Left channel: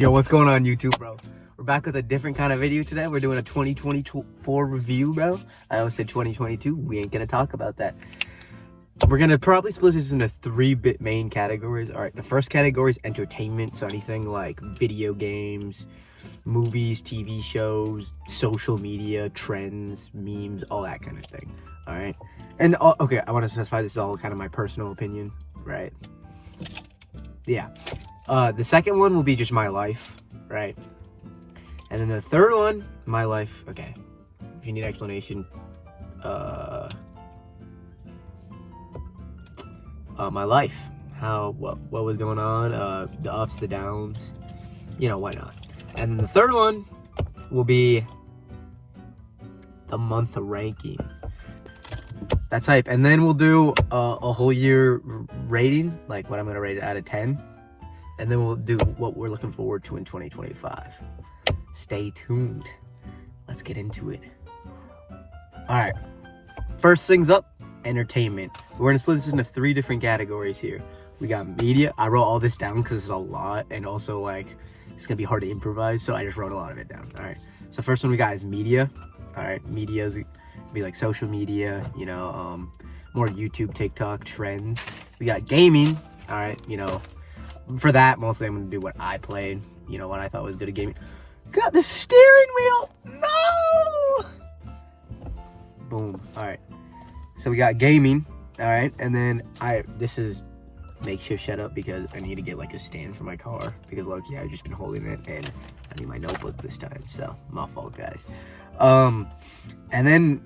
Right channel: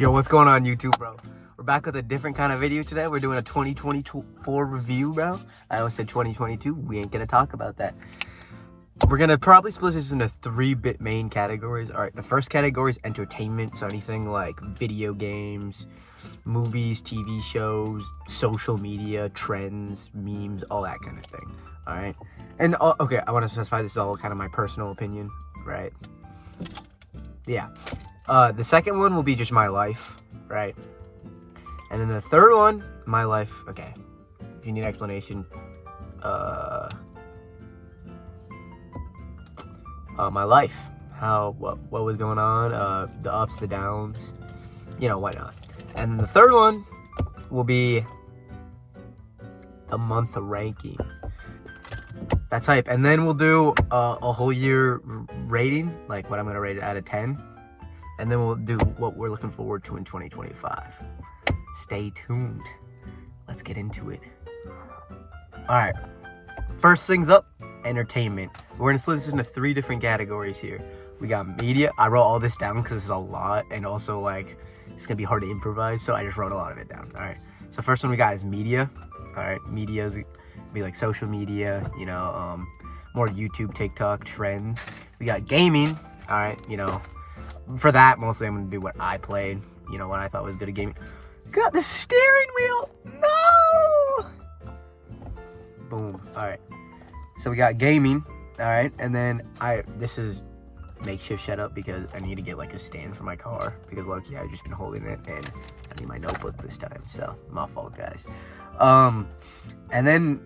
Yo, what's going on YouTube, bro? We're back with a different kind of video today. We're doing a 2024 review, bro. I almost said 2022. We ain't gonna talk about that. We're gonna probably split this into three main categories. All right, the first category is entertainment, so anything like video games, movies, TV shows, social media, trends, memes, all that kind of thing. All right, and okay, I want to specify this is all kind of my personal opinion, right? Yeah. The second one will be just my life, right? And then the third one, my life. Okay, if you need explanation, my life, what was going on, the ups, the downs, you know, why not? And then the third one will be the month ranking. That's hype. And then we'll do a whole year rating, like what I'm gonna rate it out of 10. And then we'll do what we're looking forward to in 2025. Stay tuned. Let's get into it. All right. First things up, entertainment. We're gonna split this into three different categories here. We got media. I wrote all this down because it's a lot, and also like it's gonna be hard to improvise, so I just wrote a lot of it down. All right. So first one we got is media. All right. Media is be like social media, you know, more YouTube, TikTok, trends. We got gaming. All right. You know. For that, mostly I'm going to do what I played, you know, what I thought was good at gaming. Got the steering wheel! No! Boom. Alright. So we got gaming, alright, and then this is makeshift setup because I need to get like a stand for my car because low-key I've just been holding it and I need my notebook this time, so my fault, guys. And then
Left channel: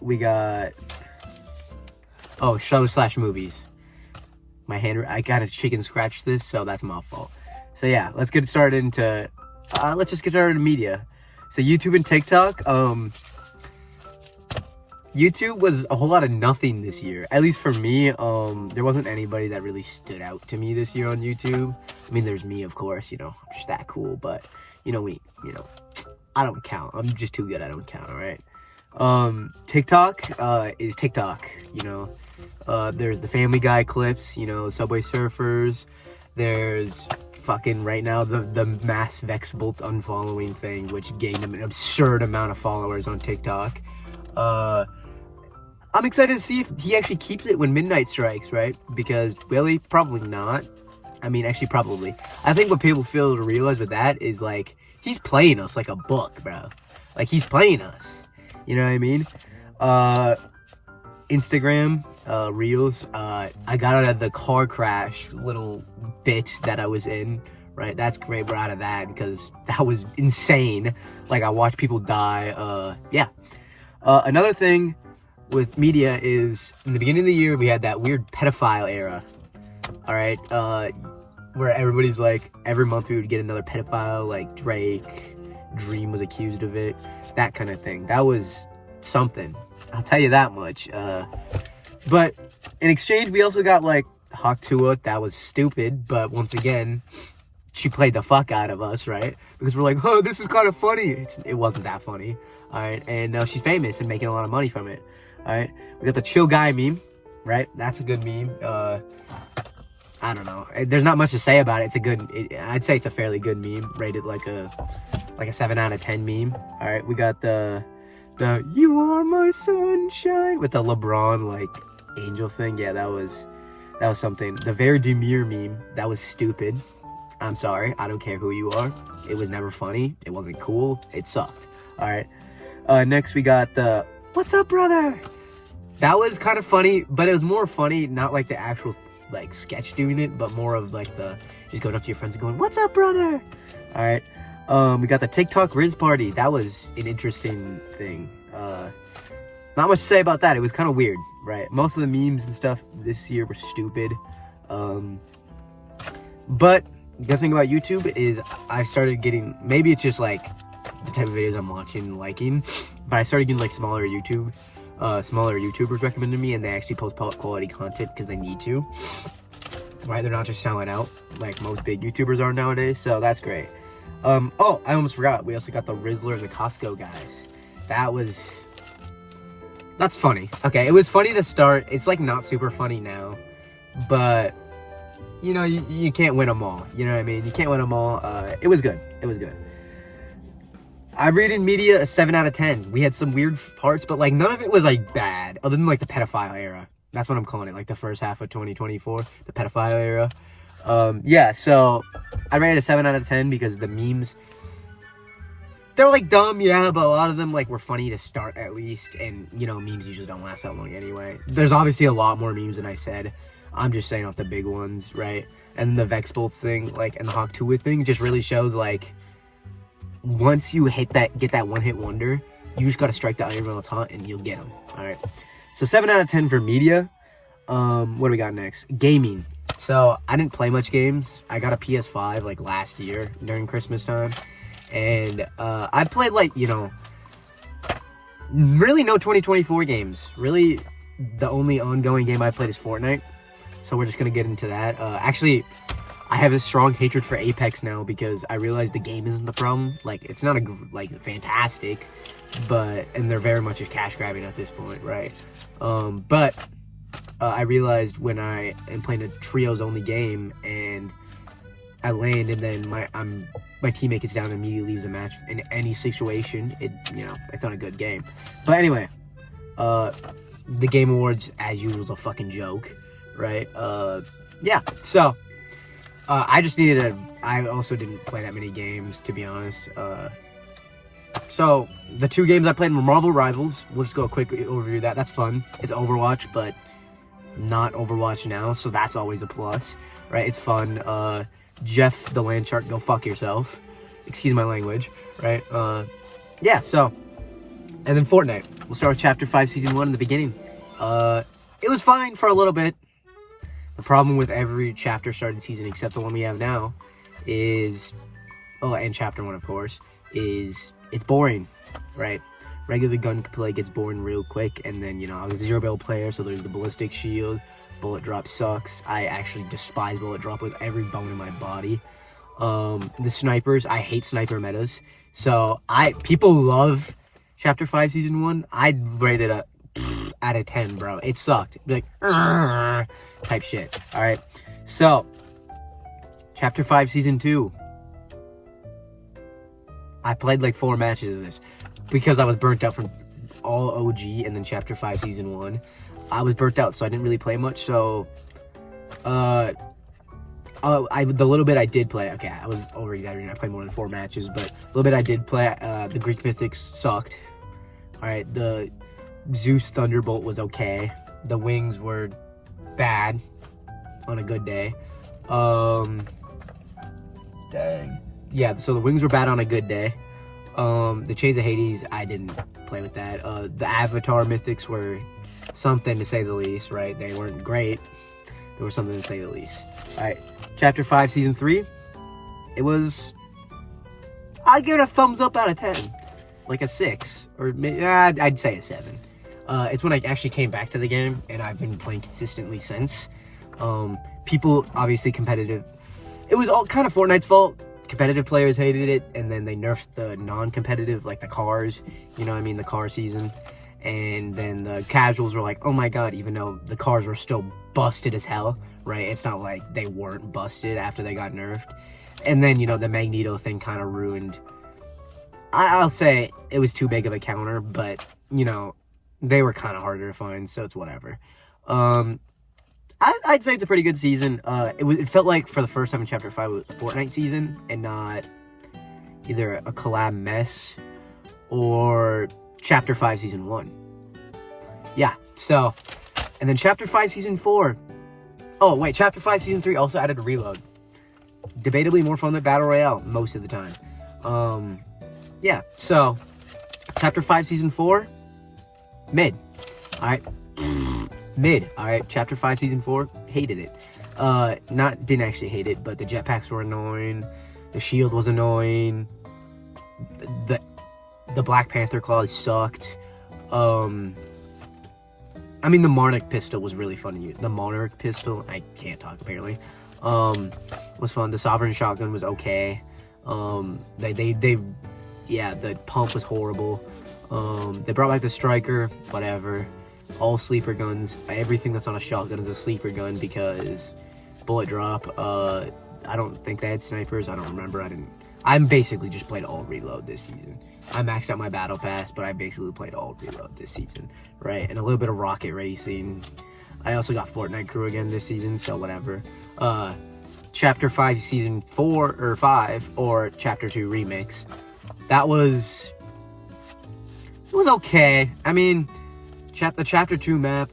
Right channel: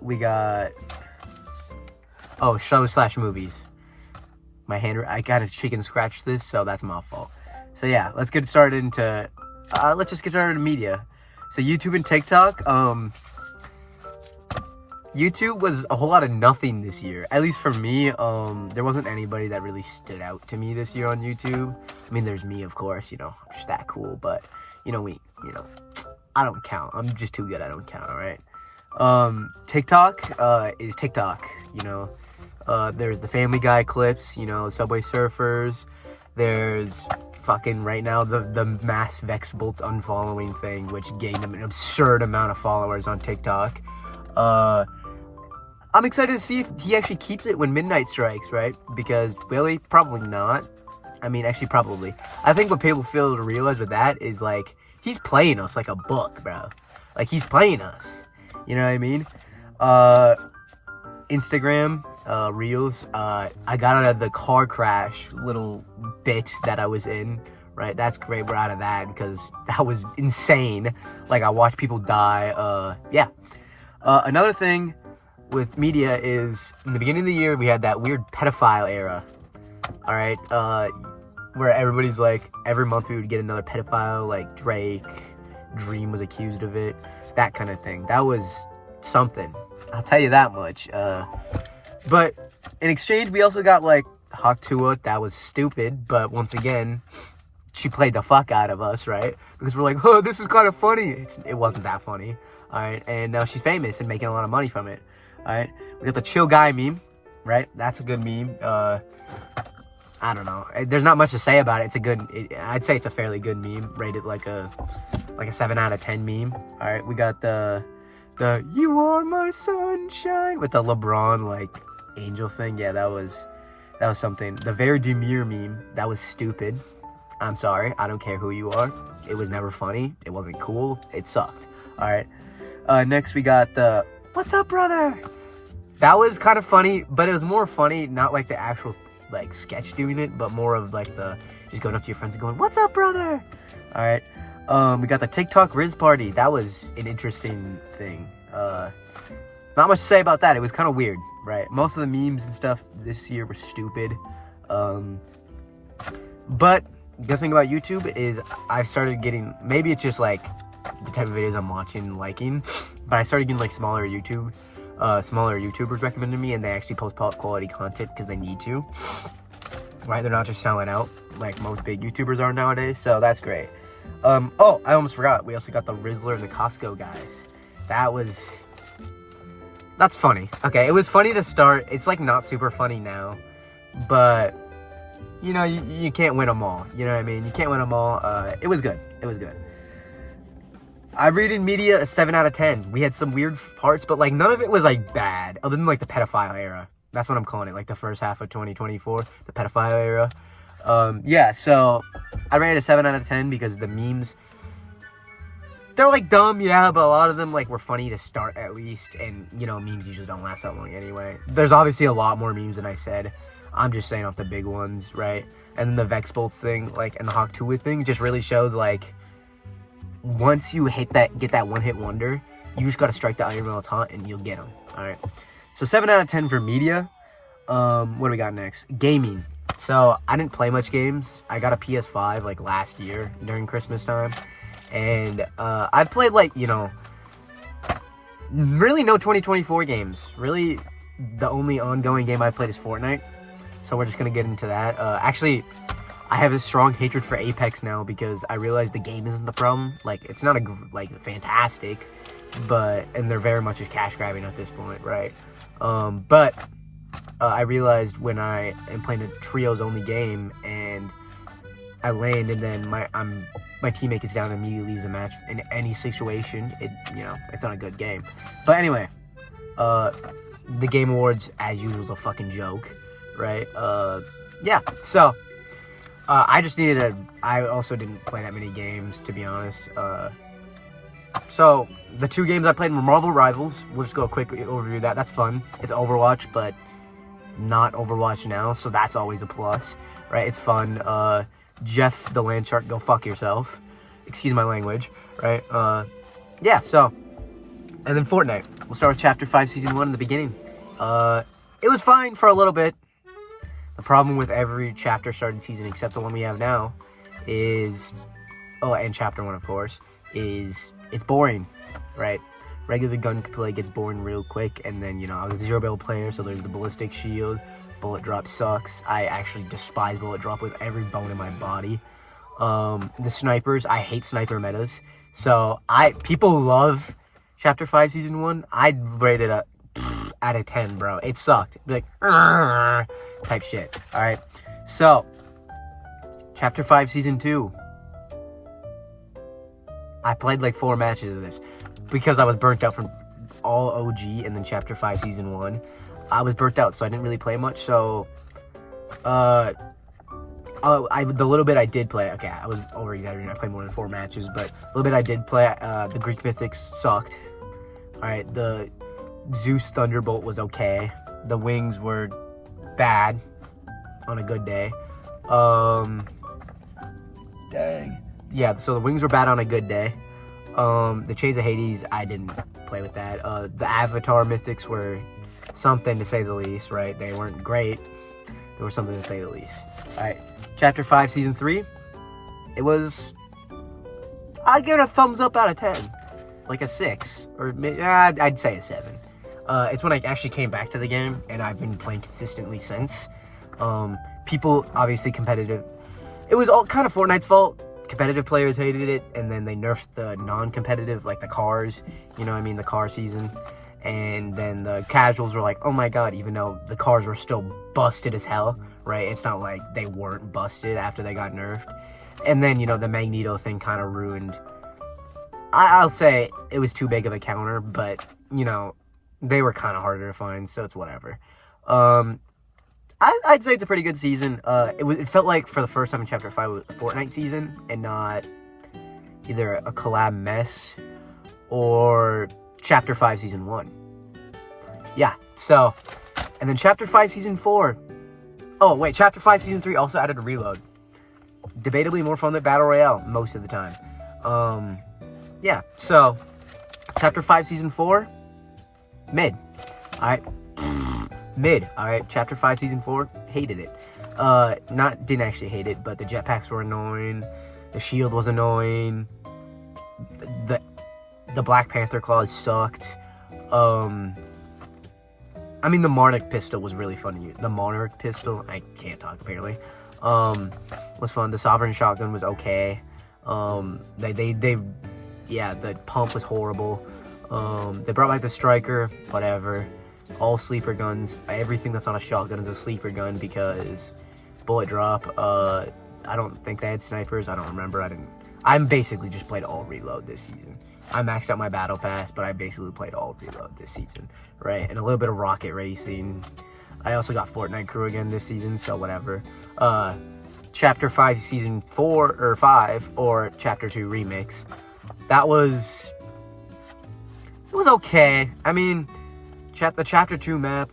we got shows/movies. My hand, I kind of chicken scratched this, so that's my fault. So yeah, let's get started into, let's just get started in media. So YouTube and TikTok, YouTube was a whole lot of nothing this year. At least for me, there wasn't anybody that really stood out to me this year on YouTube. I mean, there's me, of course, you know, I'm just that cool, but, you know, I don't count. I'm just too good, I don't count, all right? TikTok is TikTok, you know. There's the Family Guy clips, you know, Subway Surfers. There's fucking right now the Mass Vexbolts unfollowing thing, which gained him an absurd amount of followers on TikTok. I'm excited to see if he actually keeps it when midnight strikes, right? Because really, probably not. I mean, actually, probably. I think what people fail to realize with that is like he's playing us like a book, bro. Like he's playing us. You know what I mean? Instagram. Reels. I got out of the car crash little bit that I was in, right? That's great. We're out of that because that was insane. Like I watched people die. Yeah. Another thing with media is in the beginning of the year we had that weird pedophile era. All right. Where everybody's like every month we would get another pedophile, like Drake, Dream was accused of it, that kind of thing. That was something. I'll tell you that much. But in exchange, we also got, like, Hawk Tuah. That was stupid. But once again, she played the fuck out of us, right? Because we're like, oh, this is kind of funny. It wasn't that funny, all right? And now she's famous and making a lot of money from it, all right? We got the Chill Guy meme, right? That's a good meme. I don't know. There's not much to say about it. It's a good... I'd say it's a fairly good meme. Rated like a 7 out of 10 meme. All right, we got the You Are My Sunshine with the LeBron, like... angel thing. Yeah, that was something. The Very Demure meme, that was stupid. I'm sorry, I don't care who you are. It was never funny. It wasn't cool. It sucked. All right. Next we got the What's Up, Brother? That was kind of funny, but it was more funny, not like the actual like sketch doing it, but more of like the just going up to your friends and going, What's up, brother? All right. We got the TikTok Riz Party. That was an interesting thing. Not much to say about that. It was kind of weird, right? Most of the memes and stuff this year were stupid. But the good thing about YouTube is I started getting, maybe it's just like the type of videos I'm watching and liking, but I started getting like smaller YouTubers recommended me, and they actually post quality content because they need to, right? They're not just selling out like most big YouTubers are nowadays, so that's great. Oh, I almost forgot. We also got the Rizzler and the Costco guys. That's funny. Okay, it was funny to start. It's like not super funny now, but you know, you can't win them all. You know what I mean? You can't win them all. It was good. It was good. I rated media a 7 out of 10. We had some weird parts, but like none of it was like bad, other than like the pedophile era. That's what I'm calling it, like the first half of 2024, the pedophile era. Yeah, so I rated a 7 out of 10 because the memes, they're like dumb, yeah, but a lot of them like were funny to start at least, and you know, memes usually don't last that long anyway. There's obviously a lot more memes than I said. I'm just saying off the big ones, right? And then the Vex Bolts thing, like, and the Hawk Tuah thing just really shows like, once you get that one-hit wonder, you just gotta strike the Iron Rail taunt and you'll get them. All right. So 7 out of 10 for media. What do we got next? Gaming. So I didn't play much games. I got a PS5 like last year during Christmas time, and I played like, you know, really no 2024 games. Really, the only ongoing game I played is Fortnite. So we're just gonna get into that. Actually, I have a strong hatred for Apex now because I realize the game isn't the problem. Like, it's not fantastic, and they're very much just cash grabbing at this point, right? But I realized when I am playing a trios only game and I land and then my teammate gets down and immediately leaves a match in any situation, it's not a good game. But anyway, the Game Awards as usual is a fucking joke, right? Yeah, so I also didn't play that many games, to be honest. So the 2 games I played were Marvel Rivals. We'll just go a quick overview of that. That's fun. It's Overwatch, but not Overwatch now, so that's always a plus, right? It's fun. Jeff the Land Shark, go fuck yourself. Excuse my language, right? Yeah, so, and then Fortnite. We'll start with Chapter 5, Season 1 in the beginning. It was fine for a little bit. The problem with every chapter started season except the one we have now is, and Chapter 1, of course, is it's boring, right? Regular gunplay gets boring real quick, and then, you know, I was a 0-build player, so there's the ballistic shield. Bullet drop sucks. I actually despise bullet drop with every bone in my body. The snipers, I hate sniper metas. So people love Chapter 5 Season 1. I'd rate it a out of 10, bro. It sucked. Like, type shit. Alright. So, Chapter 5 Season 2. I played like 4 matches of this because I was burnt out from all OG and then Chapter 5 Season 1. I was burnt out, so I didn't really play much. So, the little bit I did play, okay, I was over-exaggerating. I played more than 4 matches, but a little bit I did play, the Greek Mythics sucked. Alright, the Zeus Thunderbolt was okay. The wings were bad on a good day. Dang. Yeah, so the wings were bad on a good day. The Chains of Hades, I didn't play with that. The Avatar Mythics were something to say the least, right? They weren't great. They were something to say the least. Alright, Chapter 5, Season 3. It was... I'd give it a thumbs up out of 10. Like a 6. Or I'd say a 7. It's when I actually came back to the game, and I've been playing consistently since. People, obviously competitive. It was all kind of Fortnite's fault. Competitive players hated it, and then they nerfed the non-competitive, like the cars, you know what I mean, the car season. And then the casuals were like, oh my god, even though the cars were still busted as hell, right? It's not like they weren't busted after they got nerfed. And then, you know, the Magneto thing kind of ruined. I'll say it was too big of a counter, but, you know, they were kind of harder to find, so it's whatever. I'd say it's a pretty good season. It felt like for the first time in Chapter 5 it was a Fortnite season and not either a collab mess or Chapter 5 Season 1. Yeah, so, and then Chapter 5 Season 4. Oh, wait, Chapter 5 Season 3 also added a reload. Debatably more fun than Battle Royale most of the time. Yeah, so, Chapter 5 Season 4, mid. Alright. Mid. Alright, Chapter 5 Season 4, hated it. Didn't actually hate it, but the jetpacks were annoying. The shield was annoying. The Black Panther claws sucked. I mean, the Monarch pistol was really fun to use. The Monarch pistol, I can't talk apparently, was fun. The Sovereign shotgun was okay. Yeah, the pump was horrible. They brought back the Striker, whatever. All sleeper guns. Everything that's on a shotgun is a sleeper gun because bullet drop. I don't think they had snipers. I don't remember. I'm basically just played all reload this season. I maxed out my battle pass, but I basically played all reload this season, right? And a little bit of rocket racing. I also got Fortnite crew again this season, so whatever. Chapter 5 season 4 or 5 or chapter 2 remix. It was okay. I mean, the chapter 2 map,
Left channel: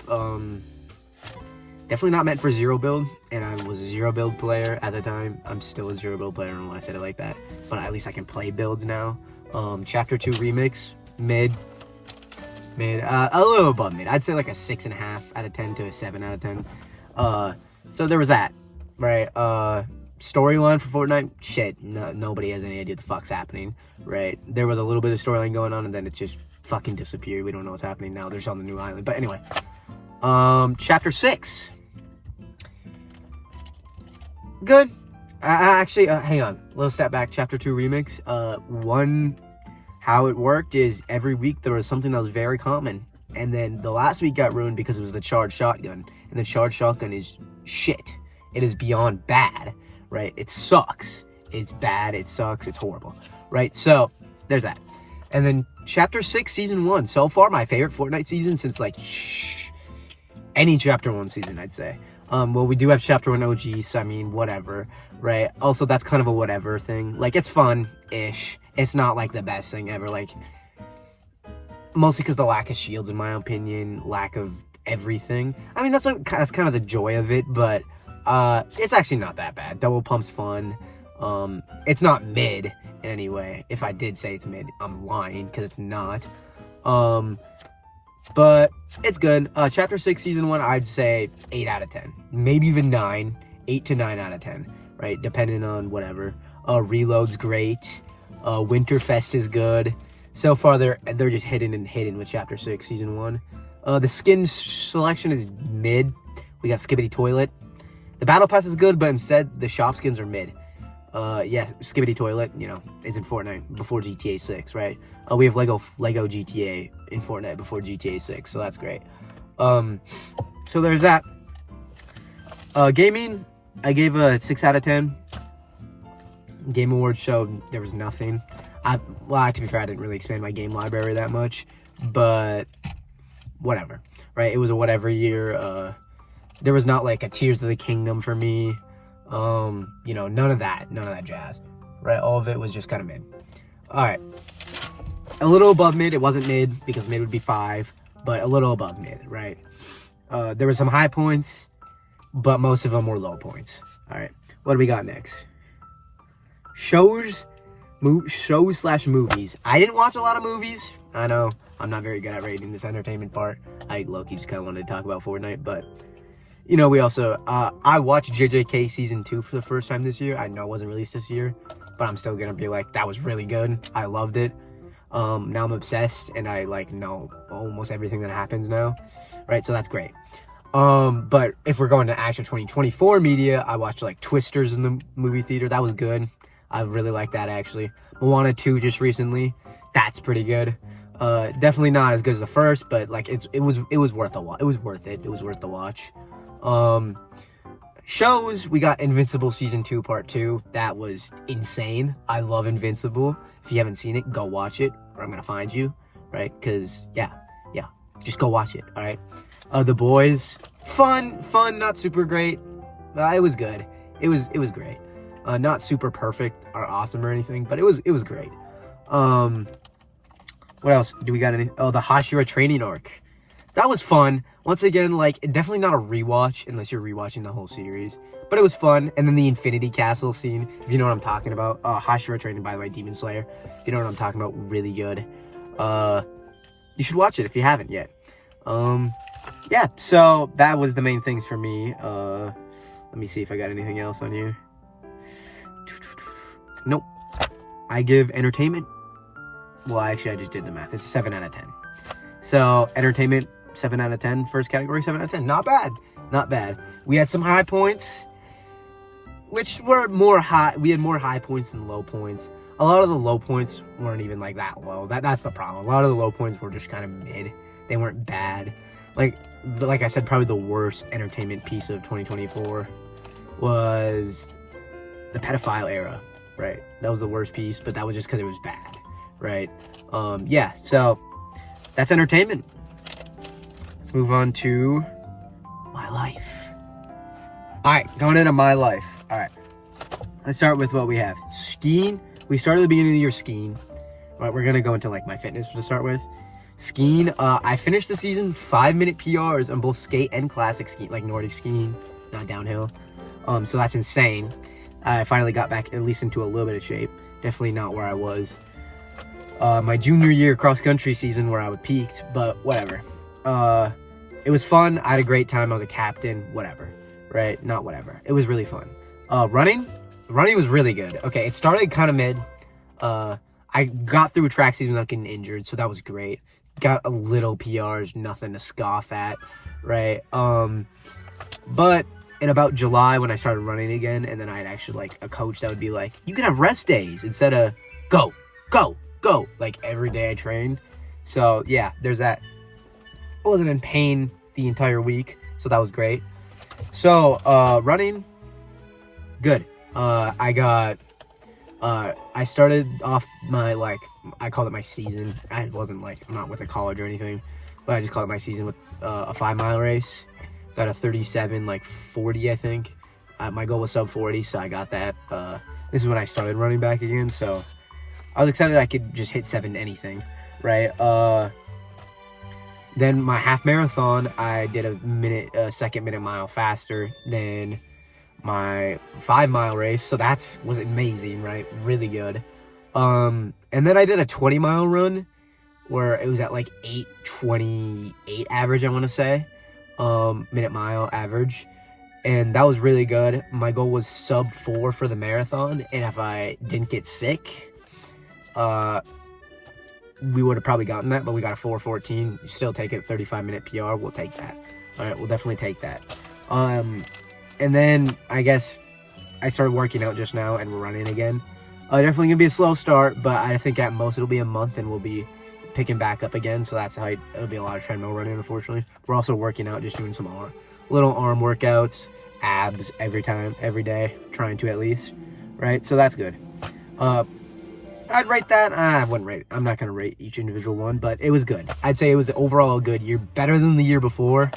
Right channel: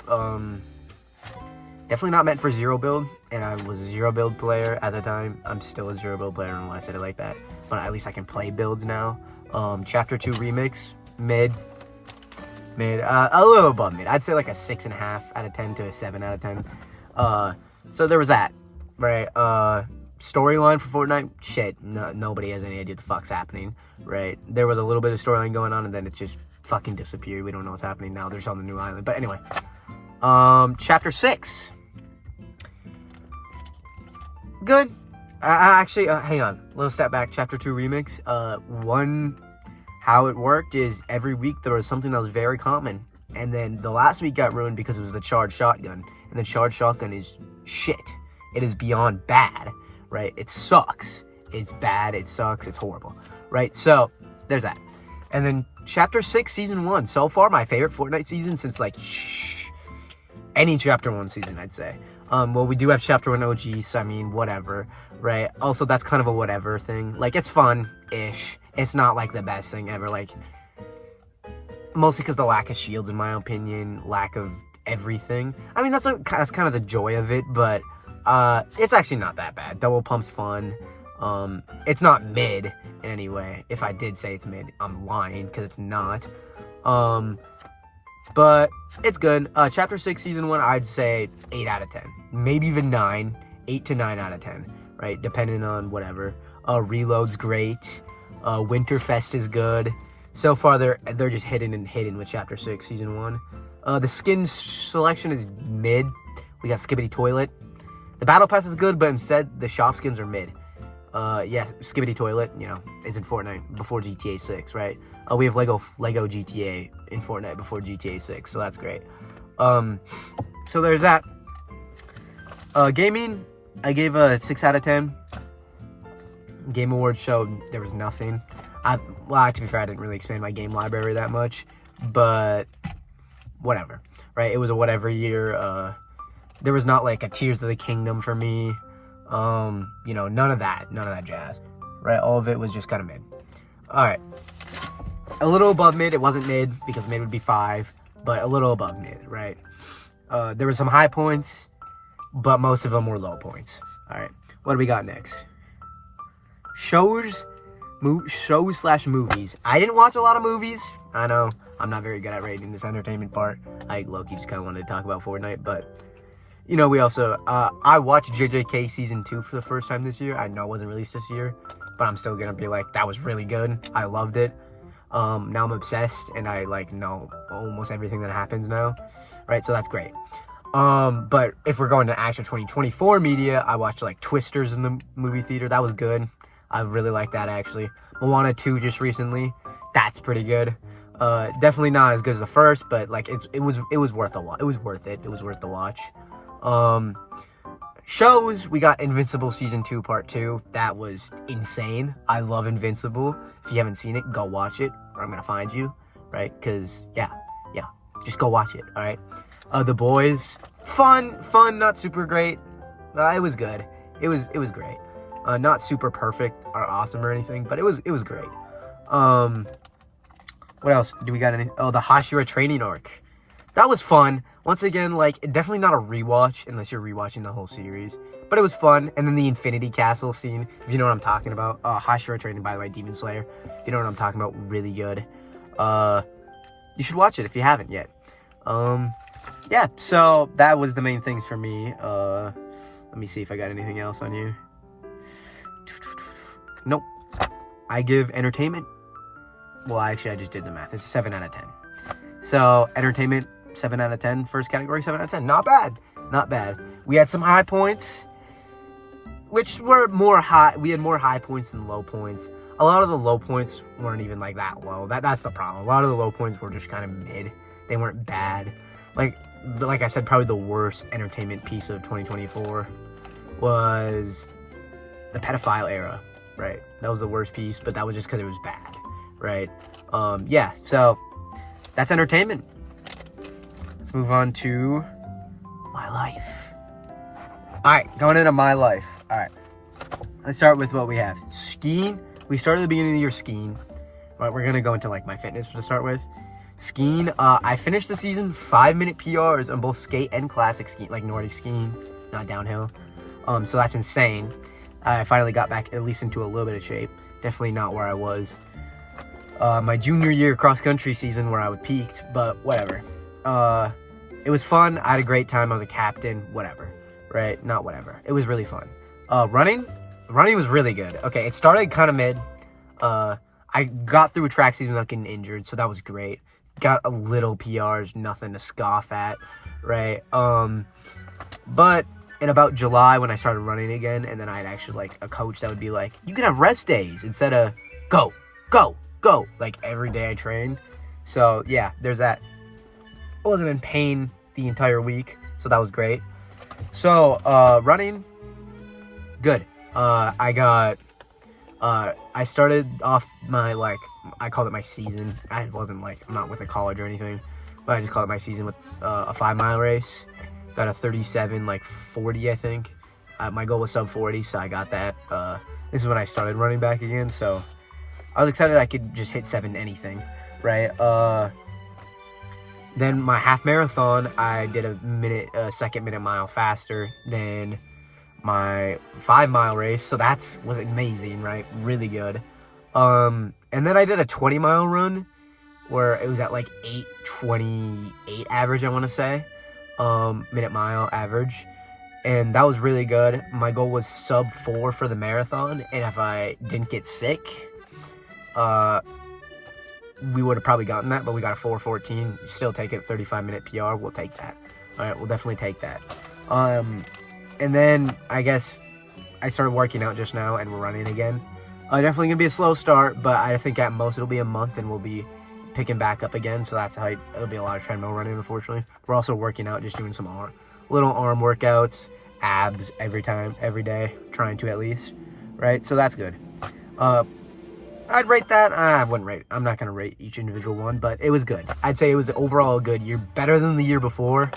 definitely not meant for zero build, and I was a zero build player at the time. I'm still a zero build player, I don't know why I said it like that, but at least I can play builds now. Chapter 2 remix, mid, a little above mid. I'd say like a 6.5 out of 10 to a 7 out of 10. So there was that, right? Storyline for Fortnite, shit, nobody has any idea what the fuck's happening, right? There was a little bit of storyline going on, and then it just fucking disappeared. We don't know what's happening now. They're just on the new island, but anyway. Chapter 6. Good. Actually, hang on. Little step back. Chapter 2 remix. How it worked is every week there was something that was very common. And then the last week got ruined because it was the charged shotgun. And the charged shotgun is shit. It is beyond bad, right? It sucks. It's bad. It sucks. It's horrible, right? So, there's that. And then Chapter 6 Season 1. So far, my favorite Fortnite season since, like, any Chapter 1 season, I'd say. Well, we do have Chapter 1 OG, so I mean, whatever, right? Also, that's kind of a whatever thing. Like, it's fun-ish. It's not, like, the best thing ever, like, mostly because the lack of shields, in my opinion, lack of everything. I mean, that's kind of the joy of it, but, it's actually not that bad. Double pump's fun. It's not mid in any way. If I did say it's mid, I'm lying, because it's not. But it's good. Chapter 6, Season 1, I'd say 8 out of 10. Maybe even 9. 8 to 9 out of 10, right? Depending on whatever. Reload's great. Winterfest is good. So far, they're just hidden with Chapter 6, Season 1. The skin selection is mid. We got Skibidi Toilet. The Battle Pass is good, but instead, the shop skins are mid. Yeah, Skibidi Toilet, you know, is in Fortnite before GTA 6, right? We have Lego GTA in Fortnite before GTA 6, so that's great. So there's that. Gaming, I gave a 6 out of 10. Game Awards showed there was nothing. Well, to be fair, I didn't really expand my game library that much, but whatever, right? It was a whatever year. There was not like a Tears of the Kingdom for me. You know, none of that jazz, right? All of it was just kind of mid. All right, a little above mid. It wasn't mid because mid would be 5, but a little above mid, right? There were some high points, but most of them were low points. All right, what do we got next? Shows / movies. I didn't watch a lot of movies. I know I'm not very good at rating this entertainment part. I low-key just kind of wanted to talk about Fortnite, but you know, we also, I watched JJK Season 2 for the first time this year. I know it wasn't released this year, but I'm still gonna be like, that was really good. I loved it. Now I'm obsessed, and I, like, know almost everything that happens now, right? So that's great. But if we're going to actual 2024 media, I watched, like, Twisters in the movie theater. That was good. I really liked that, actually. Moana 2 just recently. That's pretty good. Definitely not as good as the first, but, like, it was worth a watch. It was worth it. It was worth the watch. Shows, we got Invincible Season 2 Part 2. That was insane. I love Invincible. If you haven't seen it, go watch it, or I'm gonna find you, right? Because, yeah, just go watch it, all right? The Boys, fun, not super great. It was good. It was great. Not super perfect or awesome or anything, but it was great. What else? Do we got any? Oh, the Hashira training arc. That was fun. Once again, like, definitely not a rewatch unless you're rewatching the whole series. But it was fun. And then the Infinity Castle scene, if you know what I'm talking about. Hashira training, by the way, Demon Slayer. If you know what I'm talking about, really good. You should watch it if you haven't yet. Yeah, so that was the main thing for me. Let me see if I got anything else on here. Nope. I give entertainment. Well, actually, I just did the math. It's a 7 out of 10. So, entertainment, 7 out of 10. First category, 7 out of 10. Not bad. Not bad. We had some high points, which were more high. We had more high points than low points. A lot of the low points weren't even, like, that low. That's the problem. A lot of the low points were just kind of mid. They weren't bad. Like I said, probably the worst entertainment piece of 2024 was the pedophile era, right? That was the worst piece, but that was just because it was bad, right? Yeah, so that's entertainment. Let's move on to my life. All right, going into my life. All right, let's start with what we have. Skiing. We started at the beginning of the year skiing. All right, we're gonna go into like my fitness to start with. Skiing. I finished the season 5-minute PRs on both skate and classic skiing, like Nordic skiing, not downhill. So that's insane. I finally got back at least into a little bit of shape. Definitely not where I was my junior year cross country season where I was peaked, but whatever. It was fun. I had a great time. I was a captain. Whatever, right? Not whatever. It was really fun. Running was really good. Okay, it started kind of mid. I got through a track season without getting injured, so that was great. Got a little PRs, nothing to scoff at, right? But in about July when I started running again, and then I had actually like a coach that would be like, you can have rest days instead of go, like every day I trained. So yeah, there's that. I wasn't in pain the entire week, so that was great. So running, good. I started off my, like, I called it my season. I wasn't like, I'm not with a college or anything, but I just called it my season with a 5-mile race. Got a 37, like 40, I think. My goal was sub 40, so I got that. This is when I started running back again, so I was excited I could just hit 7 anything, right? Then my half marathon, I did a second minute mile faster than my 5-mile race, so that was amazing, right? Really good. And then I did a 20-mile run where it was at like 8:28 average, I want to say. Minute mile average, and that was really good. My goal was sub 4 for the marathon, and if I didn't get sick, we would have probably gotten that, but we got a 4:14. You still take it, 35-minute PR, we'll take that. All right, we'll definitely take that. And then I guess I started working out just now, and we're running again. Definitely gonna be a slow start, but I think at most it'll be a month, and we'll be picking back up again, so that's how it'll be a lot of treadmill running, unfortunately. We're also working out, just doing some little arm workouts, abs every day, trying to at least, right? So that's good. I'd rate that. I wouldn't rate it. I'm not going to rate each individual one, but it was good. I'd say it was overall a good year, better than the year before,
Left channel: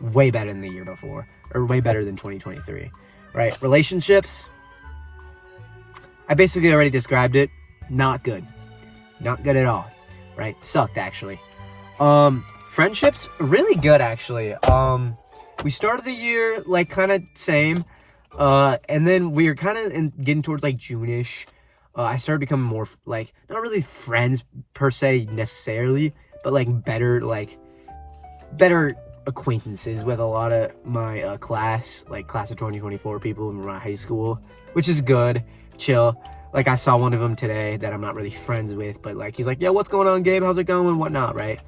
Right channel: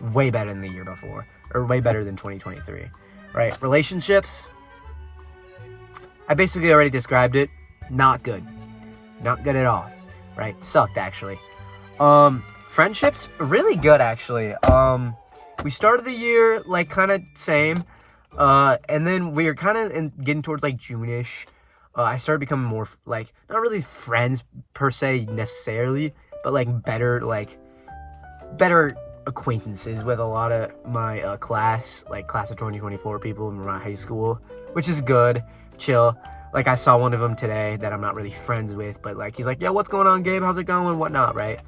way better than the year before, or way better than 2023, right? Relationships, I basically already described it. Not good. Not good at all. Right? Sucked, actually. Friendships, really good, actually. We started the year, like, kind of same. And then we were kind of getting towards, like, June-ish. I started becoming more, like, not really friends, per se, necessarily, but, like, better acquaintances with a lot of my class of 2024 people in my high school, which is good. Chill. Like, I saw one of them today that I'm not really friends with, but, like, he's like, yo, what's going on, Gabe? How's it going? Whatnot, right?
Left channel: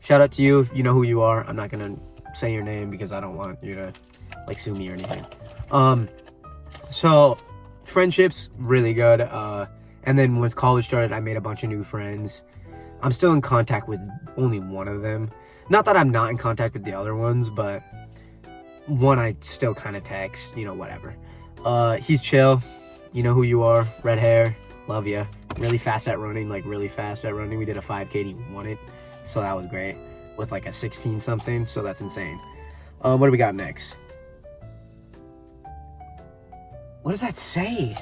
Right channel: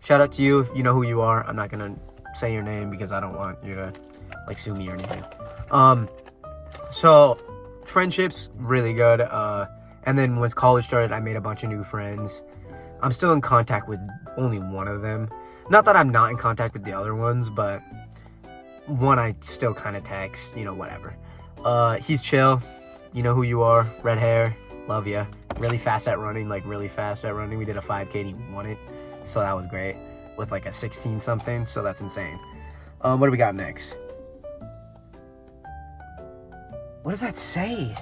Shout out to you if you know who you are. I'm not going to say your name because I don't want you to, like, sue me or anything. So, friendships, really good. And then once college started, I made a bunch of new friends. I'm still in contact with only one of them. Not that I'm not in contact with the other ones, but one I still kind of text, whatever. He's chill. You know who you are, red hair, love ya. Really fast at running. We did a 5K and he won it, so that was great, with like a 16 something, so that's insane. What do we got next? What does that say?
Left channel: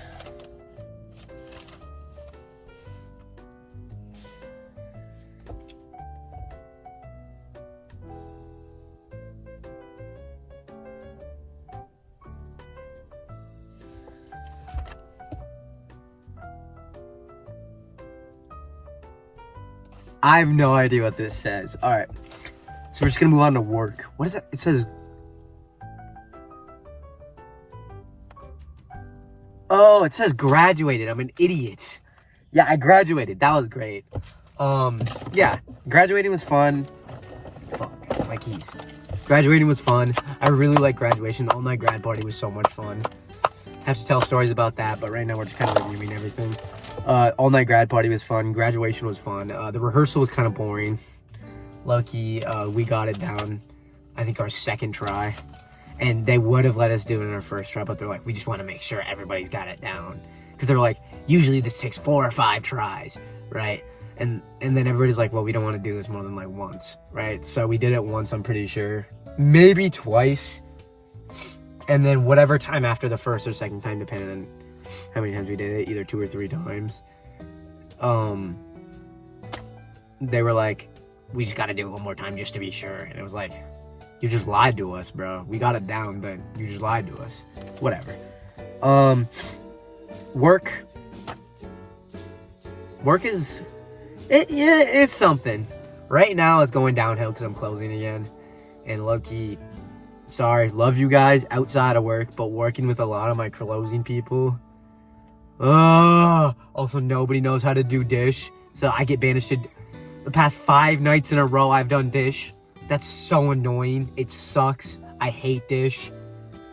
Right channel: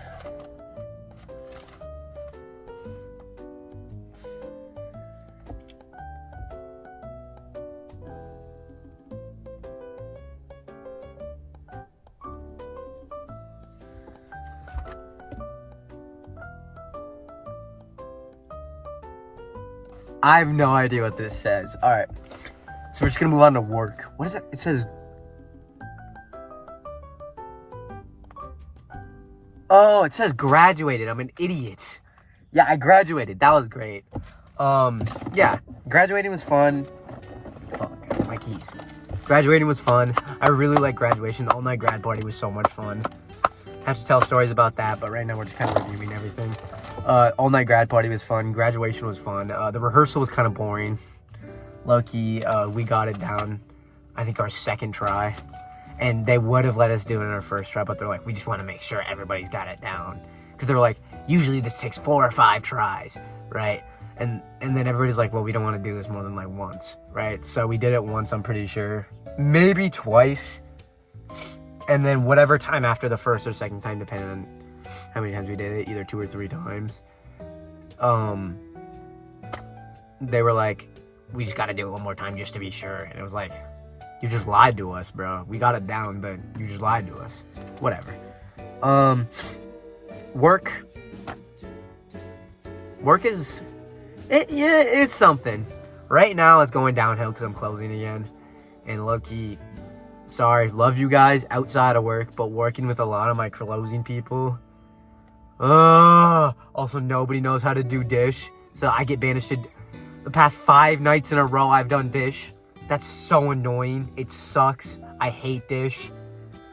I have no idea what this says. All right. So we're just going to move on to work. What is that? It says... Oh, it says graduated. I'm an idiot. Yeah, I graduated. That was great. Yeah. Graduating was fun. Fuck, my keys. Graduating was fun. I really like graduation. The all-night grad party was so much fun. Have to tell stories about that, but right now we're just kind of reviewing everything. All-night grad party was fun. Graduation was fun. The rehearsal was kind of boring. Lucky, we got it down, I think, our second try. And they would have let us do it in our first try, but they're like, we just want to make sure everybody's got it down. Because they're like, usually this takes 4 or 5 tries, right? And then everybody's like, well, we don't want to do this more than like once, right? So we did it once, I'm pretty sure. Maybe twice. And then whatever time after the first or second time, depending on how many times we did it, either 2 or 3 times. They were like, we just got to do it one more time just to be sure. And it was like, you just lied to us, bro. We got it down, but you just lied to us. Whatever. Work is, it's something. Right now it's going downhill because I'm closing again. And low-key, sorry, love you guys outside of work, but working with a lot of my closing people. Also, nobody knows how to do dish. So I get banished to the past 5 nights in a row I've done dish. That's so annoying. It sucks. I hate dish.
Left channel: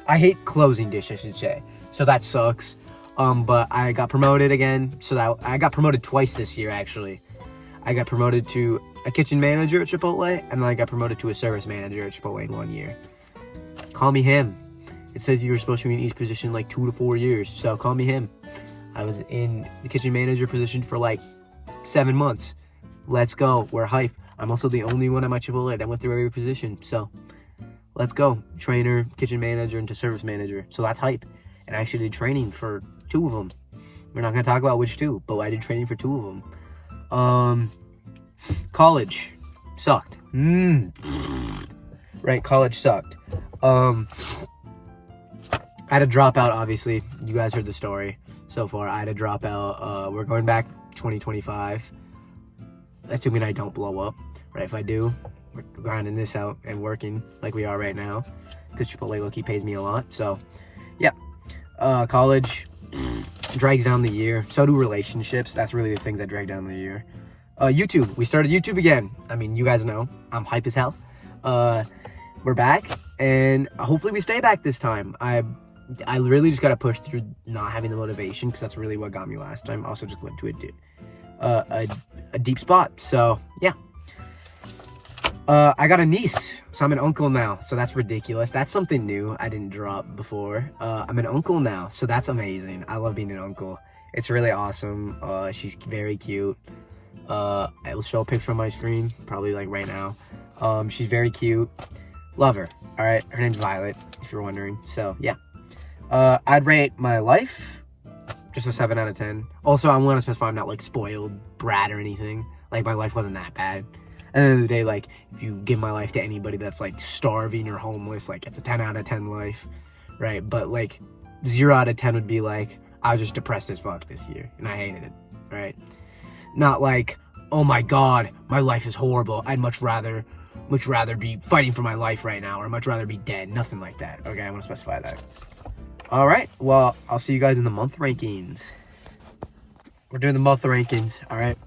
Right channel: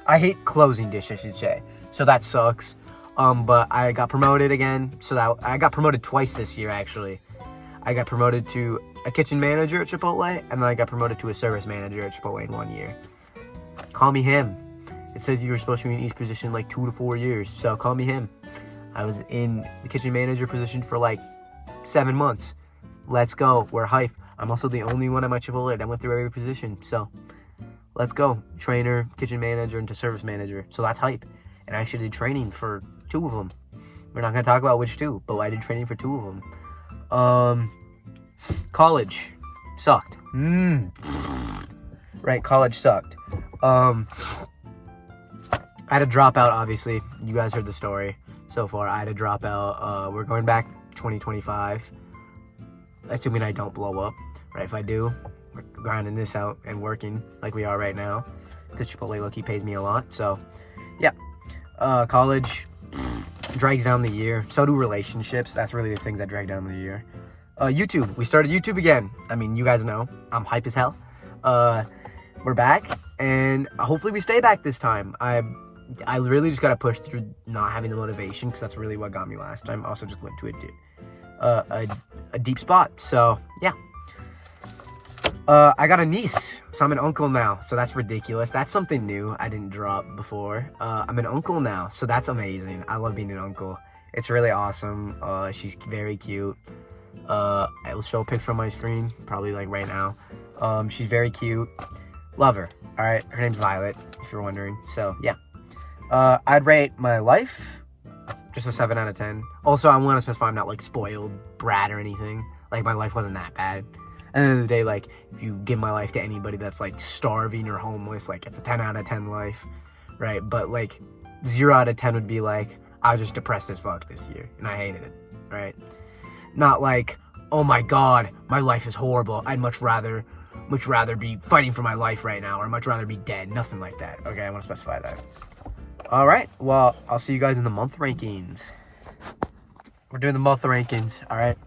I hate closing dish, I should say. So that sucks. But I got promoted again. So that I got promoted twice this year, actually. I got promoted to a kitchen manager at Chipotle, and then I got promoted to a service manager at Chipotle in 1 year. Call me him. It says you were supposed to be in each position like 2 to 4 years, so call me him. I was in the kitchen manager position for like 7 months. Let's go. We're hype. I'm also the only one at my Chipotle that went through every position, so let's go. Trainer, kitchen manager, into service manager. So that's hype. And I actually did training for 2 of them. We're not going to talk about which 2, but I did training for 2 of them. College sucked. Right, college sucked. I had to drop out, obviously. You guys heard the story so far. I had to drop out. We're going back 2025. Assuming I don't blow up. Right, if I do, we're grinding this out and working like we are right now. Because Chipotle low-key pays me a lot. So, yeah. College drags down the year. So do relationships. That's really the things that drag down the year. YouTube. We started YouTube again. I mean, you guys know. I'm hype as hell. We're back. And hopefully we stay back this time. I really just got to push through not having the motivation. Because that's really what got me last time. Also just went to a deep spot. So, yeah. I got a niece, so I'm an uncle now, so that's ridiculous. That's something new I didn't drop before. I'm an uncle now, so that's amazing. I love being an uncle. It's really awesome. She's very cute. I will show a picture on my screen, probably like right now. She's very cute. Love her. All right, her name's Violet, if you're wondering. So, yeah. I'd rate my life just a 7 out of 10. Also, I want to specify I'm not like spoiled brat or anything. Like, my life wasn't that bad. At the end of the day, like, if you give my life to anybody that's, like, starving or homeless, like, it's a 10 out of 10 life, right? But, like, 0 out of 10 would be, like, I was just depressed as fuck this year, and I hated it, right? Not like, oh my god, my life is horrible, I'd much rather be fighting for my life right now, or much rather be dead. Nothing like that, okay? I want to specify that. Alright, well, I'll see you guys in the month rankings. We're doing the month rankings, alright?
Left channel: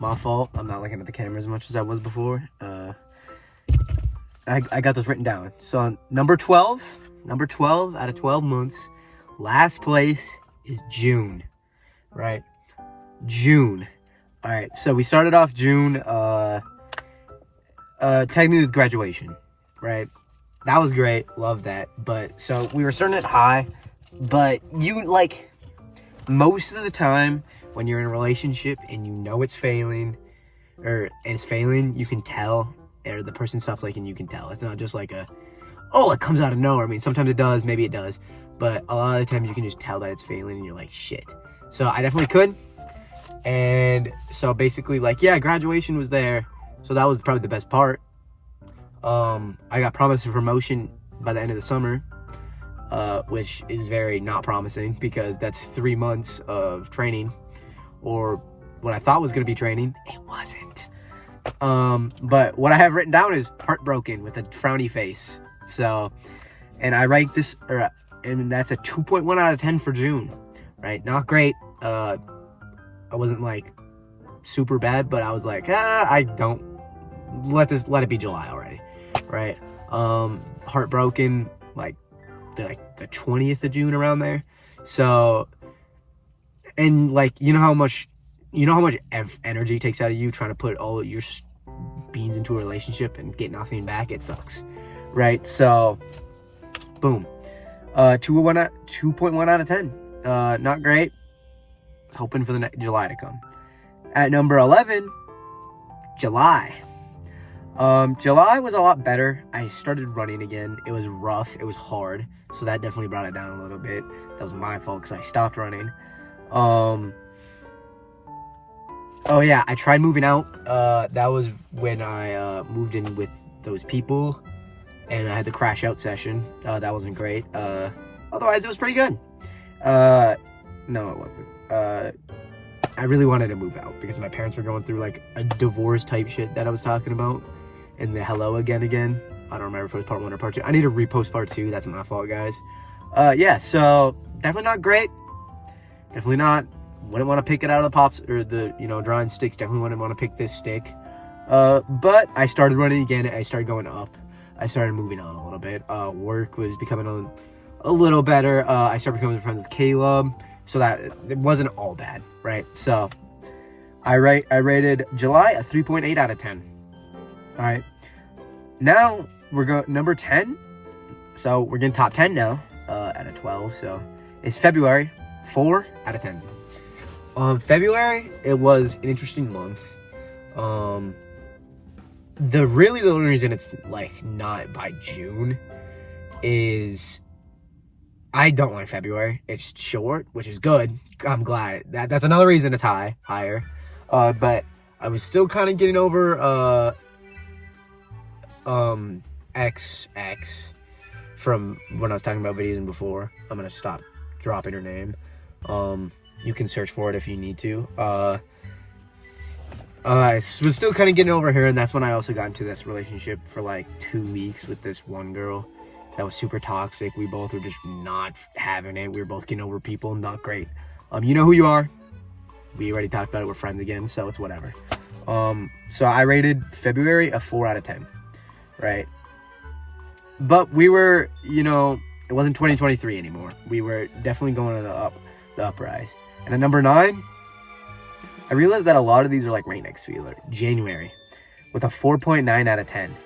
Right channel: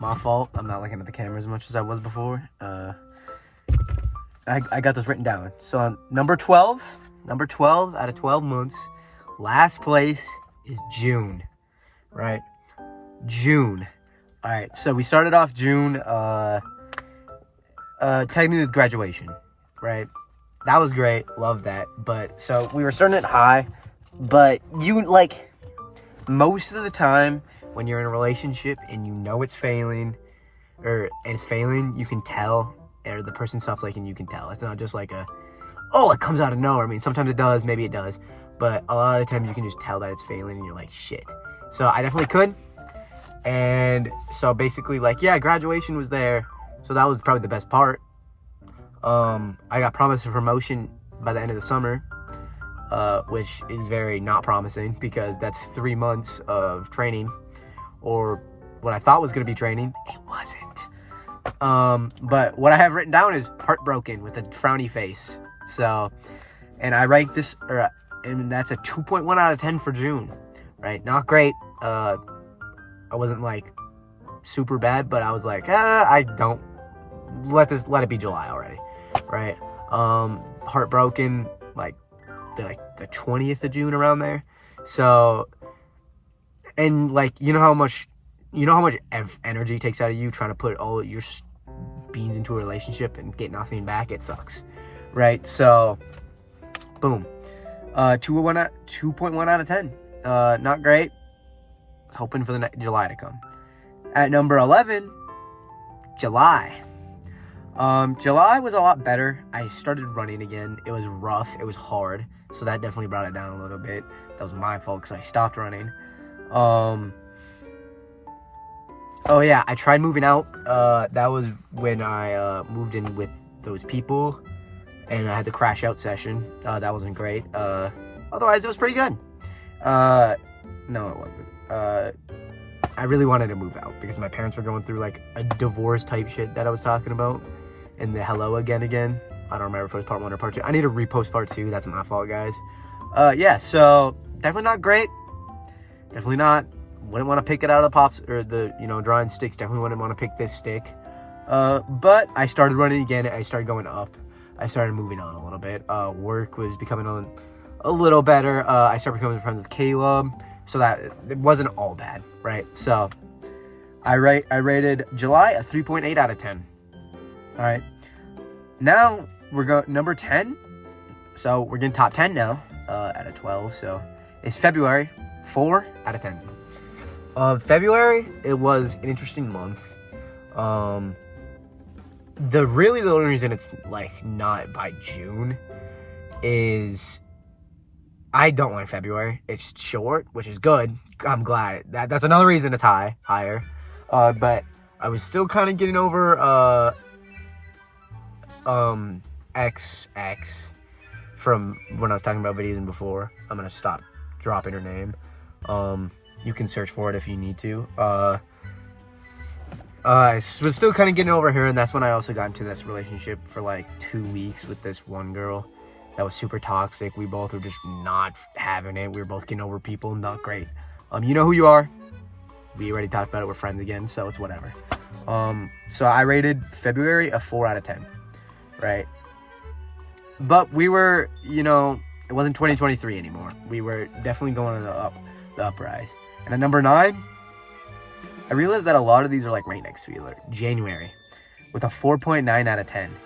My fault. I'm not looking at the camera as much as I was before. I got this written down. So on number 12 out of 12 months, last place is June, right? June. All right. So we started off June, technically with graduation, right? That was great. Love that. But so we were starting at high, but you like most of the time, when you're in a relationship and you know it's failing, and it's failing, you can tell, or the person stops liking, you can tell. It's not just like it comes out of nowhere. I mean, sometimes it does, maybe it does, but a lot of the times you can just tell that it's failing and you're like, shit. So I definitely could. And so basically, like, yeah, graduation was there. So that was probably the best part. I got promised a promotion by the end of the summer, which is very not promising because that's 3 months of training. Or what I thought was going to be training, it wasn't. But what I have written down is heartbroken with a frowny face. So, and I rank this, and that's a 2.1 out of 10 for June, right? Not great. I wasn't like super bad, but I was like, I don't let it be July already, right? Heartbroken, like the 20th of June, around there. So. And like, you know how much energy takes out of you trying to put all your beans into a relationship and get nothing back? It sucks, right? So Boom. 2.1 out of 10. Not great. Hoping for the July to come. At number 11, July. July was a lot better. I started running again. It was rough. It was hard. So that definitely brought it down a little bit. That was my fault because I stopped running. Oh yeah, I tried moving out. That was when I moved in with those people, and I had the crash out session. That wasn't great. Otherwise, it was pretty good. No, it wasn't. I really wanted to move out because my parents were going through like a divorce type shit that I was talking about. And the hello again. I don't remember if it was part 1 or part 2. I need to repost part 2. That's my fault, guys. Yeah, so definitely not great. Definitely not. Wouldn't want to pick it out of the pops or the, drawing sticks. Definitely wouldn't want to pick this stick. But I started running again. I started going up. I started moving on a little bit. Work was becoming a little better. I started becoming friends with Caleb. So that it wasn't all bad, right? So I rated July a 3.8 out of 10. All right. Now we're going number 10. So we're getting top 10 now out of 12. So it's February, 4 out of 10. February, it was an interesting month. The only reason it's like not by June is I don't like February. It's short, which is good. I'm glad. That's another reason it's higher. But I was still kind of getting over XX from when I was talking about videos before. I'm gonna stop dropping her name. You can search for it if you need to. I was still kind of getting over her, and that's when I also got into this relationship for like 2 weeks with this one girl that was super toxic. We both were just not having it. We were both getting over people. Not great. You know who you are. We already talked about it. We're friends again, so it's whatever. So I rated February a 4 out of 10, right? But we were, it wasn't 2023 anymore. We were definitely going to the uprise. And at number 9, I realized that a lot of these are like right next to each other. January, with a 4.9 out of 10.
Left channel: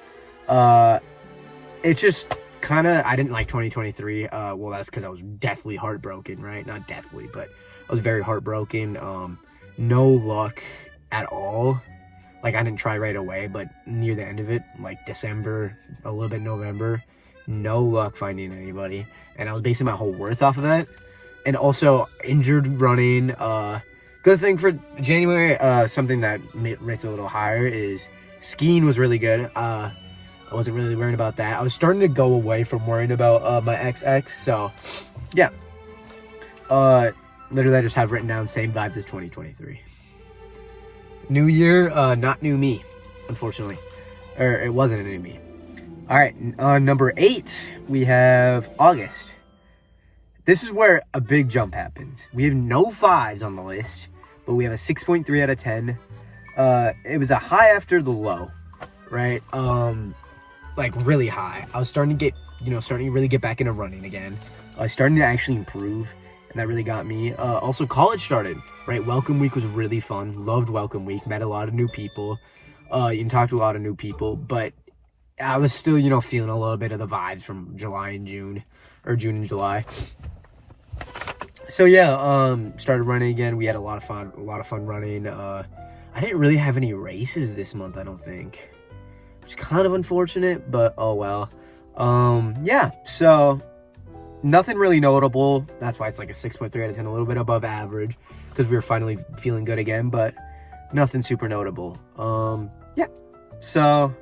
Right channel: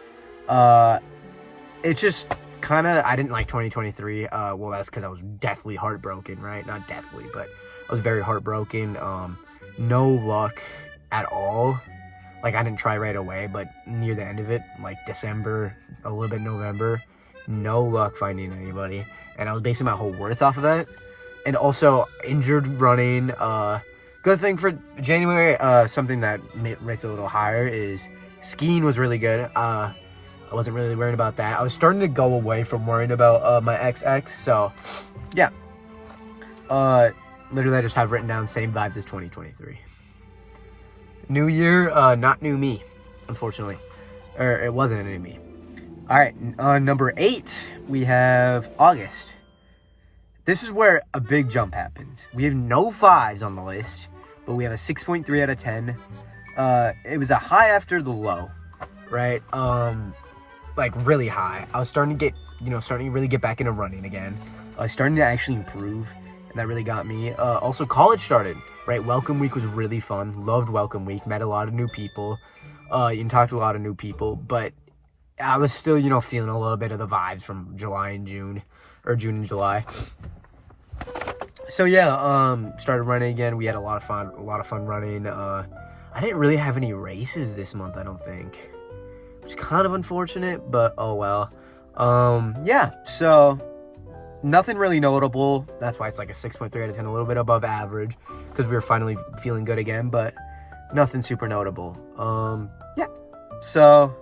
It's just kind of, I didn't like 2023. Well, that's because I was deathly heartbroken, right? Not deathly, but I was very heartbroken. No luck at all. Like, I didn't try right away, but near the end of it, like December, a little bit November, no luck finding anybody. And I was basing my whole worth off of that. And also, injured running. Good thing for January, something that rates a little higher is skiing was really good. I wasn't really worried about that. I was starting to go away from worrying about my XX. So, yeah. Literally, I just have written down same vibes as 2023. New year, not new me, unfortunately. Or it wasn't a new me. All right, number 8, we have August. This is where a big jump happens. We have no 5s on the list, but we have a 6.3 out of 10. It was a high after the low, right? Like really high. I was starting to really get back into running again. I was starting to actually improve, and that really got me. Also, college started, right? Welcome week was really fun. Loved welcome week. Met a lot of new people. You talked to a lot of new people, but I was still, feeling a little bit of the vibes from July and June, or June and July. So yeah, started running again. We had a lot of fun running. I didn't really have any races this month, I don't think, which is kind of unfortunate, but oh well. Yeah, so nothing really notable. That's why it's like a 6.3 out of 10, a little bit above average, because we were finally feeling good again, but nothing super notable. Yeah, so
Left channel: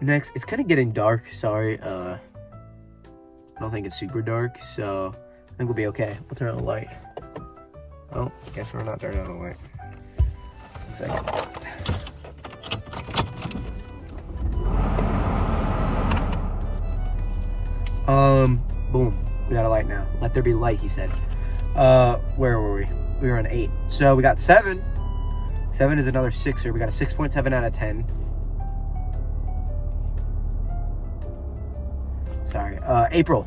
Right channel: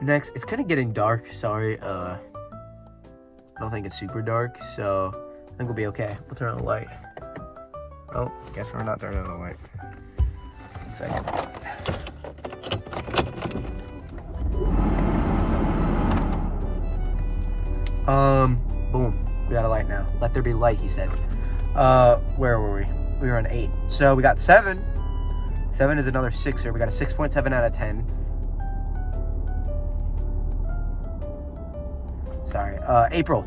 next, it's kind of getting dark. Sorry, I don't think it's super dark, so I think we'll be okay. We'll turn on the light. Oh, guess we're not turning on the light. 1 second. Boom. We got a light now. Let there be light, he said. Where were we? We were on 8. So we got 7. 7 is another 6er. We got a 6.7 out of 10. Sorry. April.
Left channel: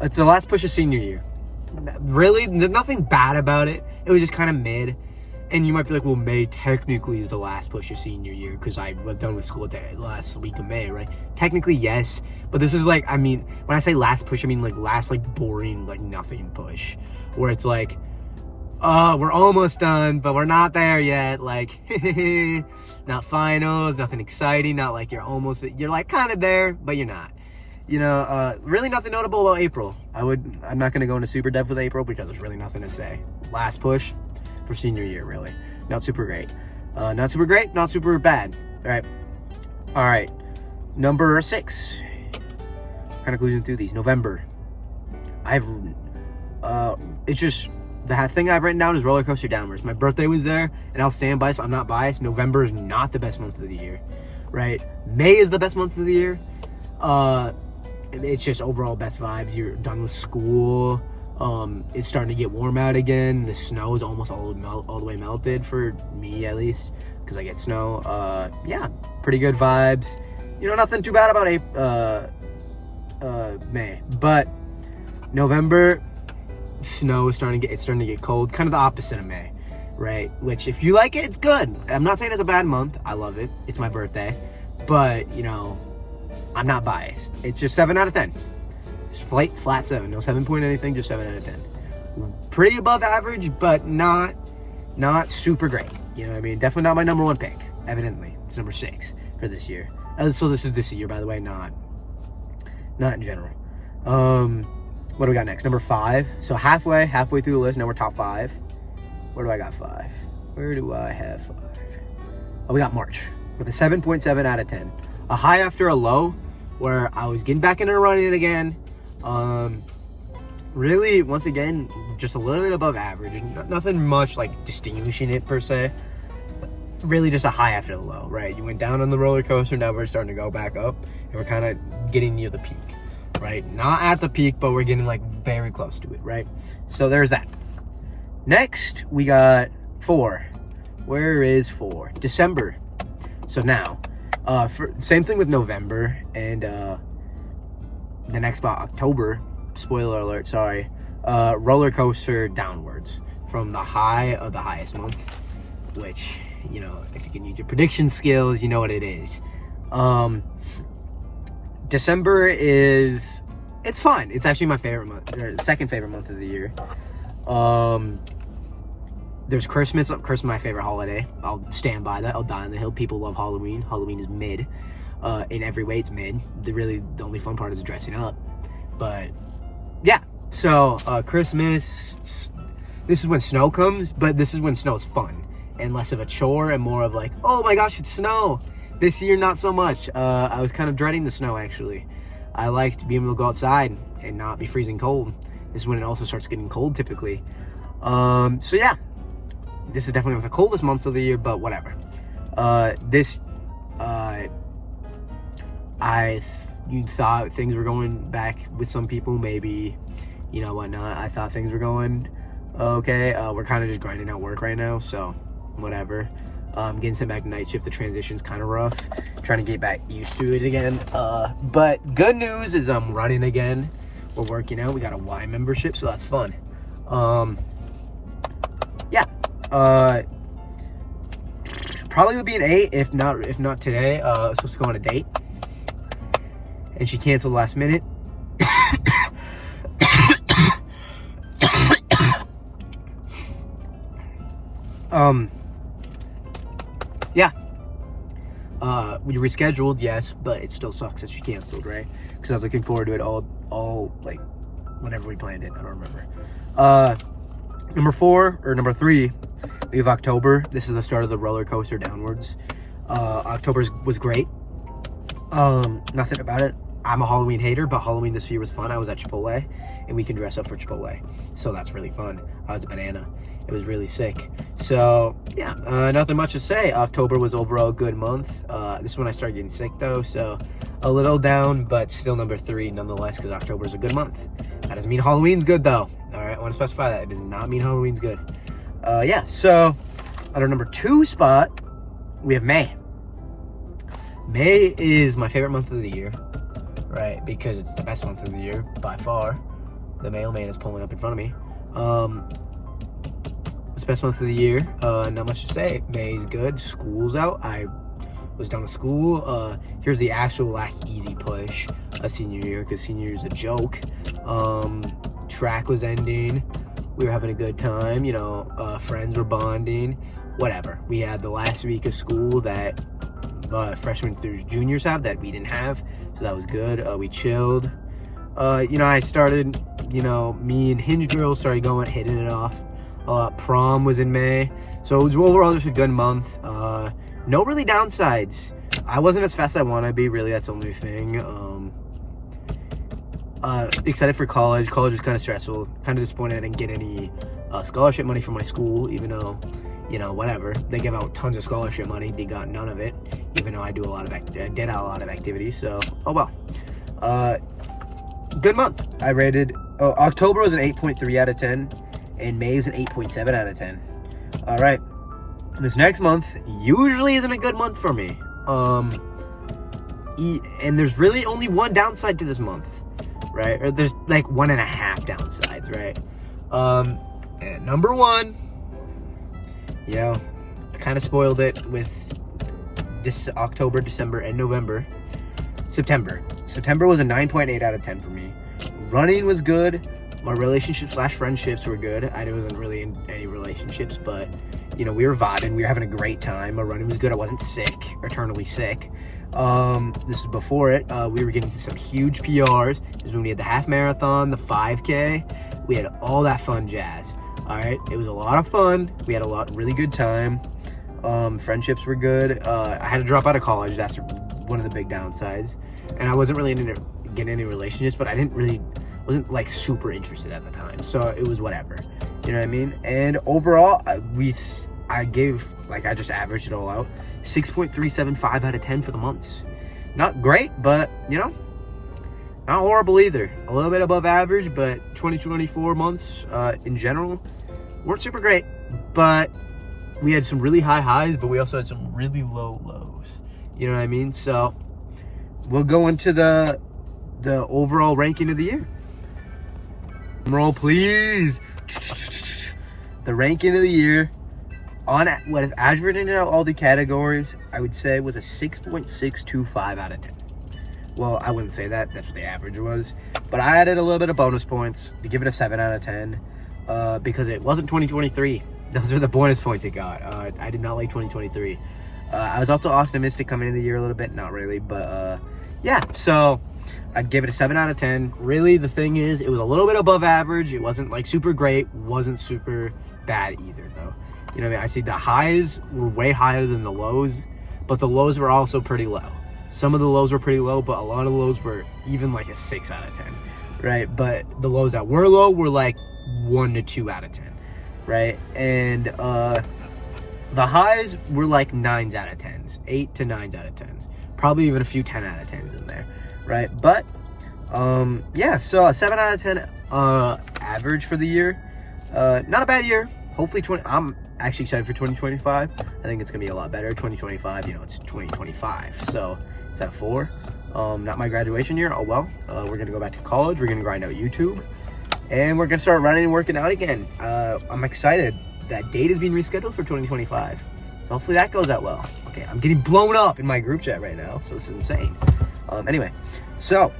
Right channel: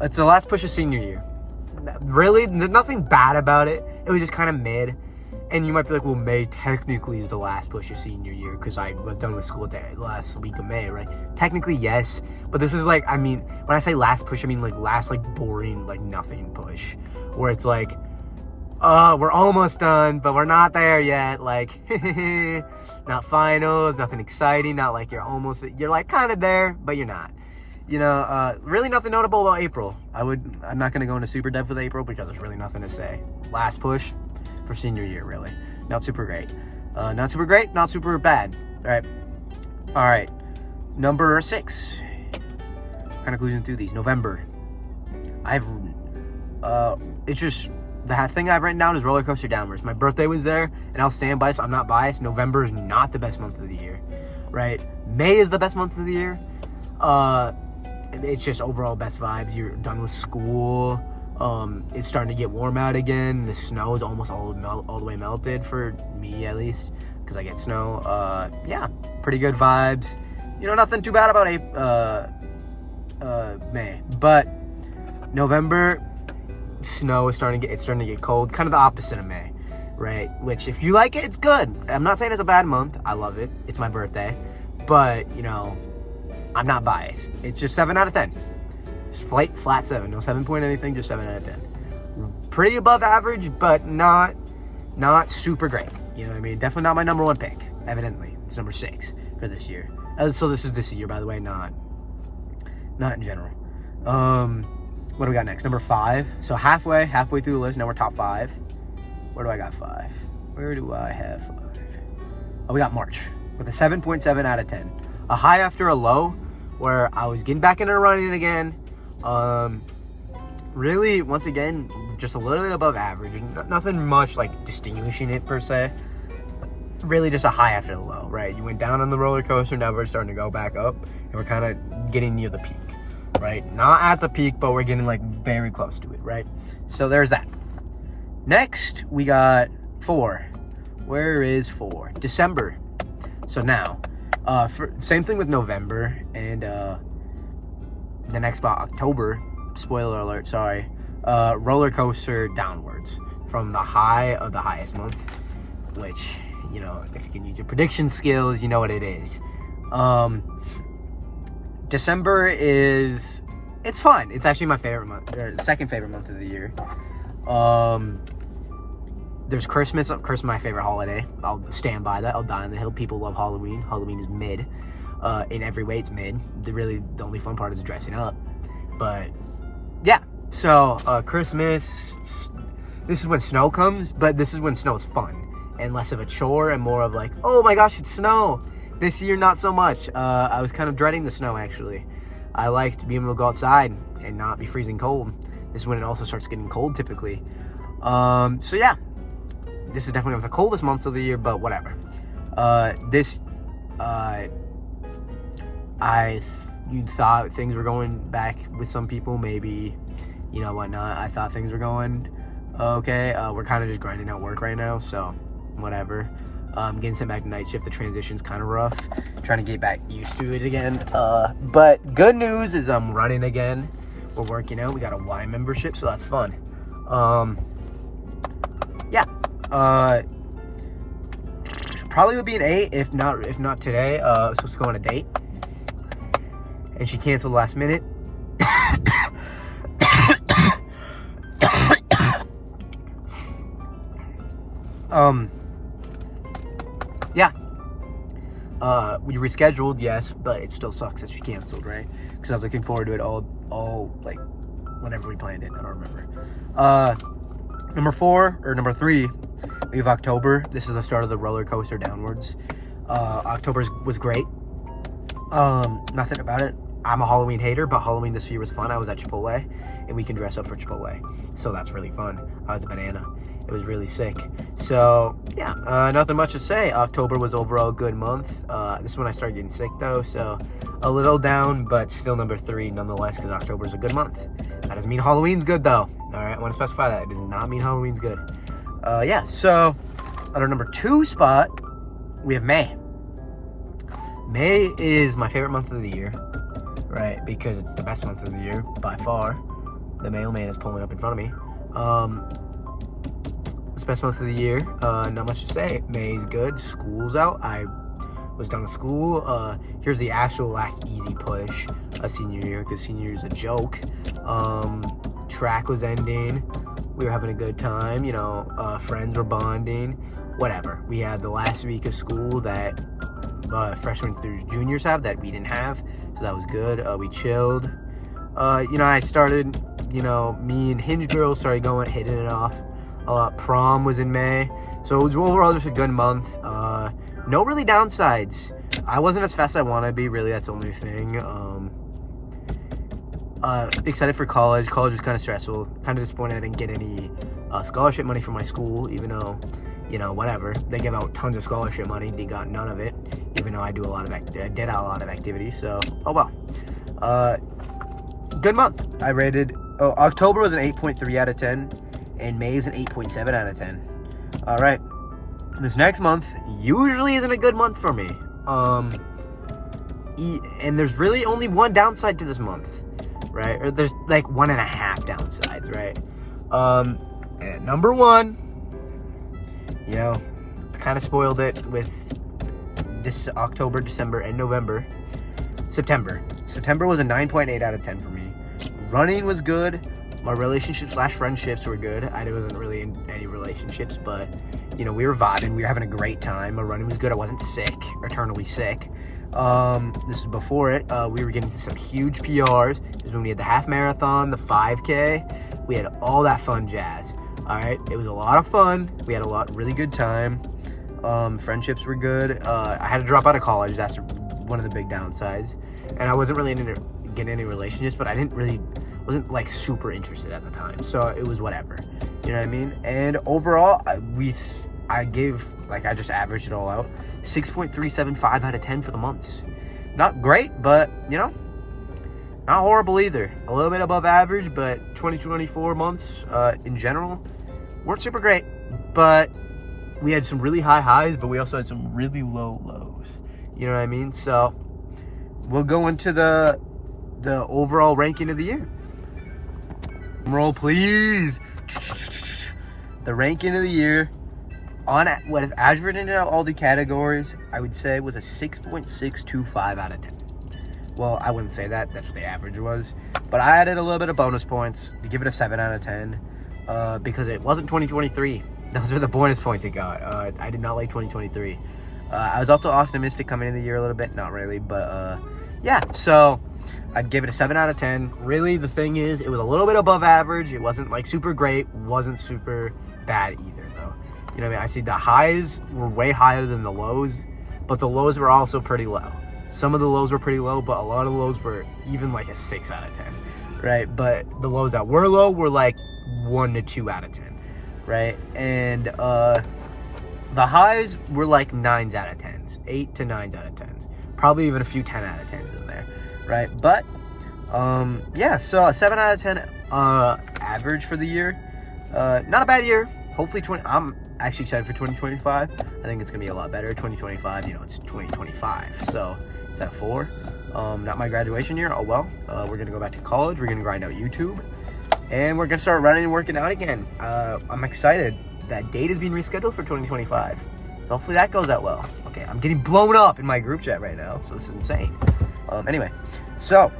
It's the last push of senior year. Really, nothing bad about it. It was just kind of mid. And you might be like, well, May technically is the last push of senior year because I was done with school the last week of May, right? Technically, yes. But this is like, I mean, when I say last push, I mean like last like boring, like nothing push. Where it's like, we're almost done, but we're not there yet. Like, not finals, nothing exciting, not like you're like kind of there, but you're not. You know, really nothing notable about April. I'm not going to go into super depth with April because there's really nothing to say. Last push for senior year, really. Not super great. Not super great, not super bad. All right. Number 6. Kind of cruising through these. November. It's just, the thing I've written down is roller coaster downwards. My birthday was there, and I'll stand by, so I'm not biased. November is not the best month of the year, right? May is the best month of the year. It's just overall best vibes. You're done with school. It's starting to get warm out again. The snow is almost all the way melted for me, at least, because I get snow. Yeah, pretty good vibes. You know, nothing too bad about May, but November, snow is starting to get cold. Kind of the opposite of May, right? Which, if you like it, it's good. I'm not saying it's a bad month. I love it. It's my birthday, but you know, I'm not biased. It's just 7 out of 10. It's flat 7. No 7 point anything, just 7 out of 10. Pretty above average, but not super great. You know what I mean? Definitely not my number 1 pick, evidently. It's number 6 for this year. So this is this year, by the way, not in general. What do we got next? Number 5. So halfway through the list. Now we're top 5. Where do I got 5? Where do I have 5? Oh, we got March with a 7.7 out of 10. A high after a low, where I was getting back into running again. Really, once again, just a little bit above average. Nothing much like distinguishing it per se. Really just a high after the low, right? You went down on the roller coaster, now we're starting to go back up, and we're kind of getting near the peak, right? Not at the peak, but we're getting like very close to it, right? So there's that. Next, we got 4. Where is 4? December. So now, same thing with November and the next spot, October. Spoiler alert, sorry. Roller coaster downwards from the high of the highest month, which, you know, if you can use your prediction skills, you know what it is. December it's fine. It's actually my favorite month, or second favorite month of the year. There's Christmas. Christmas, my favorite holiday. I'll stand by that. I'll die on the hill. People love Halloween. Halloween is mid. In every way, it's mid. The only fun part is dressing up. But yeah. So Christmas. This is when snow comes, but this is when snow is fun and less of a chore and more of like, oh my gosh, it's snow. This year, not so much. I was kind of dreading the snow, actually. I liked being able to go outside and not be freezing cold. This is when it also starts getting cold, typically. So yeah. This is definitely one of the coldest months of the year, but whatever. You thought things were going back with some people, maybe, you know, whatnot. I thought things were going okay. We're kind of just grinding out work right now, so whatever. Getting sent back to night shift, the transition's kind of rough. Trying to get back used to it again. But good news is I'm running again. We're working out. We got a Y membership, so that's fun. Yeah. Probably would be an 8 if not today. I was supposed to go on a date, and she canceled last minute. Yeah. We rescheduled, yes, but it still sucks that she canceled, right? Because I was looking forward to it all like whenever we planned it. I don't remember. Number 3, we have October. This is the start of the roller coaster downwards. October was great. Nothing about it. I'm a Halloween hater, but Halloween this year was fun. I was at Chipotle, and we can dress up for Chipotle, so that's really fun. I was a banana. It was really sick. So yeah, nothing much to say. October was overall a good month. This is when I started getting sick though, so a little down, but still number 3 nonetheless, because October is a good month. That doesn't mean Halloween's good though. All right, I want to specify that. It does not mean Halloween's good. Yeah, so at our number 2 spot, we have May. May is my favorite month of the year, right? Because it's the best month of the year by far. The mailman is pulling up in front of me. best month of the year. Not much to say. May's good. School's out. I was done with school. Here's the actual last easy push senior year, because senior year is a joke. Track was ending. We were having a good time. You know, friends were bonding. Whatever. We had the last week of school that freshmen through juniors have that we didn't have, so that was good. We chilled. You know, I started, you know, me and Hinge Girls started hitting it off. Prom was in May, so it was overall just a good month. No really downsides. I wasn't as fast as I want to be, really. That's the only thing. Excited for college. College was kind of stressful. Kind of disappointed I didn't get any scholarship money from my school, even though, you know, whatever. They give out tons of scholarship money. They got none of it, even though I did a lot of activities. So, oh well. Good month. I rated. October was an 8.3 out of 10, and May is an 8.7 out of 10. All right. This next month usually isn't a good month for me. And there's really only one downside to this month, right? Or there's like 1.5 downsides, right? And number one, you know, I kind of spoiled it with this October, December, and November. September was a 9.8 out of 10 for me. Running was good. My relationships/friendships were good. I wasn't really in any relationships, but, you know, we were vibing. We were having a great time. My running was good. I wasn't sick, eternally sick. This was before it. We were getting to some huge PRs. This is when we had the half marathon, the 5K. We had all that fun jazz. All right. It was a lot of fun. We had really good time. Friendships were good. I had to drop out of college. That's one of the big downsides. And I wasn't really getting any relationships, but wasn't like super interested at the time. So it was whatever. You know what I mean? And overall, I gave, like, I just averaged it all out. 6.375 out of 10 for the months. Not great, but, you know, not horrible either. A little bit above average, but 2024 months in general weren't super great. But we had some really high highs, but we also had some really low lows. You know what I mean? So we'll go into the overall ranking of the year. Roll, please. The ranking of the year, on what if averaging out all the categories, I would say was a 6.625 out of 10. Well, I wouldn't say that. That's what the average was. But I added a little bit of bonus points to give it a 7 out of 10 because it wasn't 2023. Those are the bonus points it got. I did not like 2023. I was also optimistic coming into the year a little bit. Not really, but yeah. So I'd give it a 7 out of 10. Really, the thing is, it was a little bit above average. It wasn't like super great. Wasn't super bad either, though. You know what I mean? I see the highs were way higher than the lows, but the lows were also pretty low. Some of the lows were pretty low, but a lot of the lows were even like a 6 out of 10, right? But the lows that were low were like 1 to 2 out of 10, right? And the highs were like 9s out of 10s, 8 to 9s out of 10s, probably even a few 10 out of 10s in there, right? But yeah, so a 7 out of 10 average for the year. Not a bad year. Hopefully I'm actually excited for 2025. I think it's gonna be a lot better. 2025, you know, it's 2025, so it's at 4. Not my graduation year. Oh well. We're gonna go back to college. We're gonna grind out YouTube, and we're gonna start running and working out again. I'm excited. That date is being rescheduled for 2025. So hopefully that goes out well. Okay, I'm getting blown up in my group chat right now, so this is insane. Anyway, so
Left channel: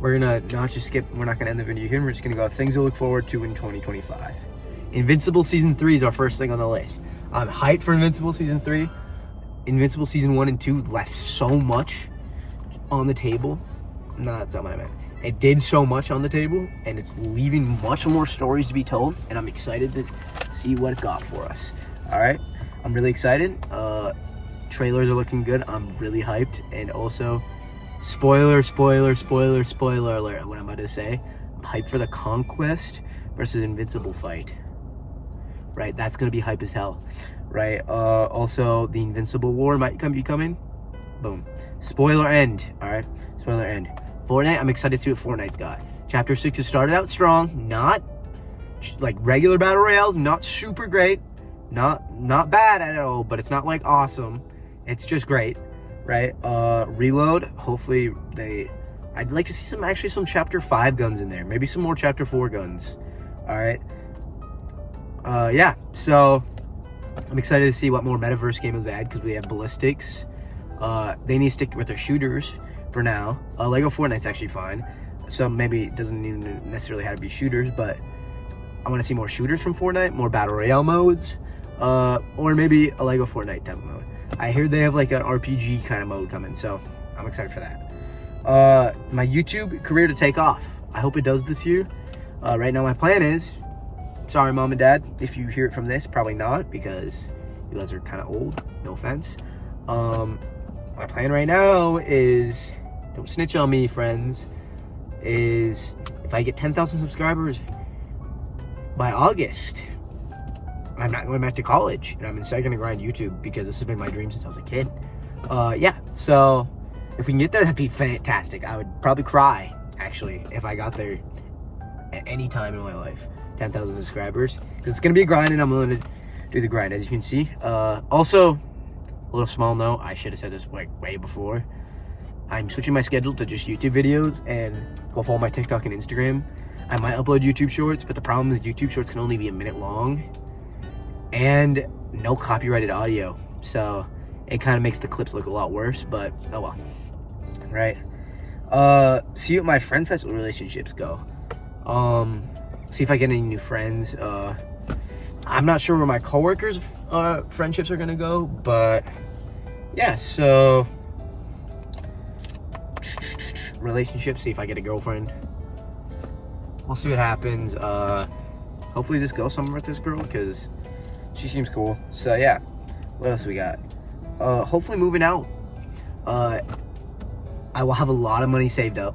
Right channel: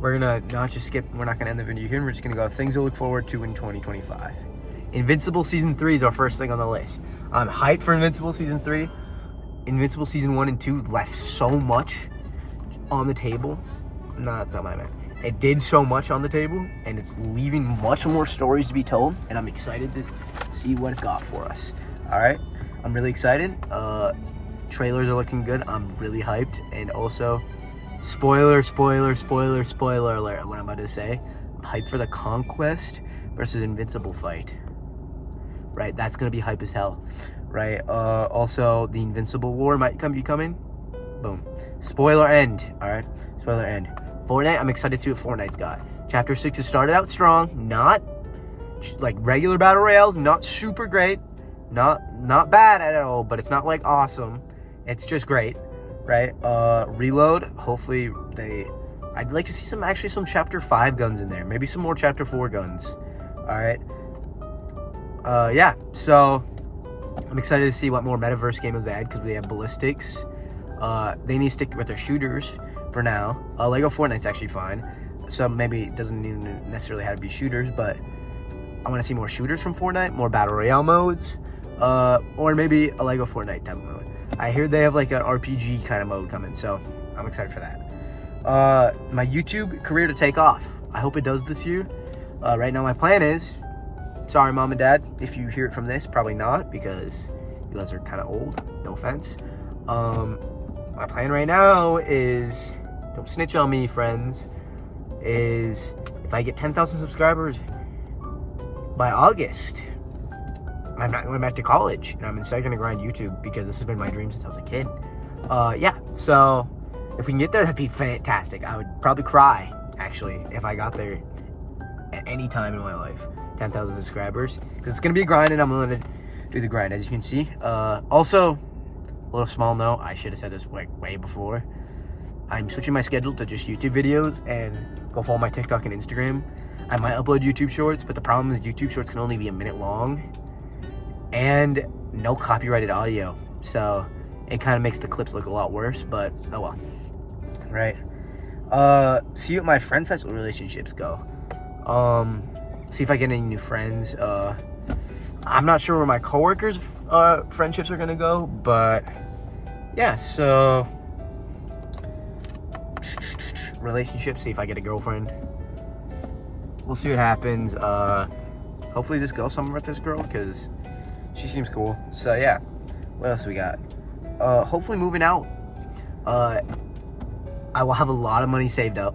we're gonna not just skip. We're not gonna end the video here. We're just gonna go things to look forward to in 2025. Invincible Season 3 is our first thing on the list. I'm hyped for Invincible Season 3. Invincible Season 1 and 2 left so much on the table. No, that's not what I meant. It did so much on the table, and it's leaving much more stories to be told, and I'm excited to see what it's got for us. All right? I'm really excited. Trailers are looking good. I'm really hyped. And also, spoiler alert, what I'm about to say. I'm hyped for the Conquest versus Invincible fight. Right? That's going to be hype as hell. Right? Also, the Invincible War might be coming. Boom. Spoiler end. All right? Spoiler end. Fortnite, I'm excited to see what Fortnite's got. Chapter 6 has started out strong. Not like regular battle royales. Not super great. Not bad at all, but it's not like awesome. It's just great. Right? Reload. Hopefully I'd like to see some Chapter 5 guns in there. Maybe some more Chapter 4 guns. All right? Yeah, so I'm excited to see what more metaverse games they add because we have ballistics. They need to stick with their shooters for now. Lego Fortnite's actually fine, so maybe it doesn't even necessarily have to be shooters, but I want to see more shooters from Fortnite, more battle royale modes, or maybe a Lego Fortnite type of mode. I hear they have like an RPG kind of mode coming, so I'm excited for that. My YouTube career to take off. I hope it does this year. Right now my plan is, sorry mom and dad if you hear it from this, probably not because you guys are kind of old, no offense. My plan right now is, don't snitch on me friends, is if I get 10,000 subscribers by August, I'm not going back to college and I'm instead going to grind YouTube because this has been my dream since I was a kid. Yeah, so if we can get there, that'd be fantastic. I would probably cry actually if I got there at any time in my life. 10,000 subscribers, because it's going to be a grind and I'm willing to do the grind, as you can see. Also, a little small note, I should have said this like way before. I'm switching my schedule to just YouTube videos, and go follow my TikTok and Instagram. I might upload YouTube shorts, but the problem is YouTube shorts can only be a minute long and no copyrighted audio, so it kind of makes the clips look a lot worse, but oh well. Right. See what my friends' high school relationships go. See if I get any new friends. I'm not sure where my coworkers' friendships are gonna go, but yeah, so relationships, see if I get a girlfriend. We'll see what happens. Hopefully just go somewhere with this girl because she seems cool. So yeah, what else we got? Hopefully moving out. I will have a lot of money saved up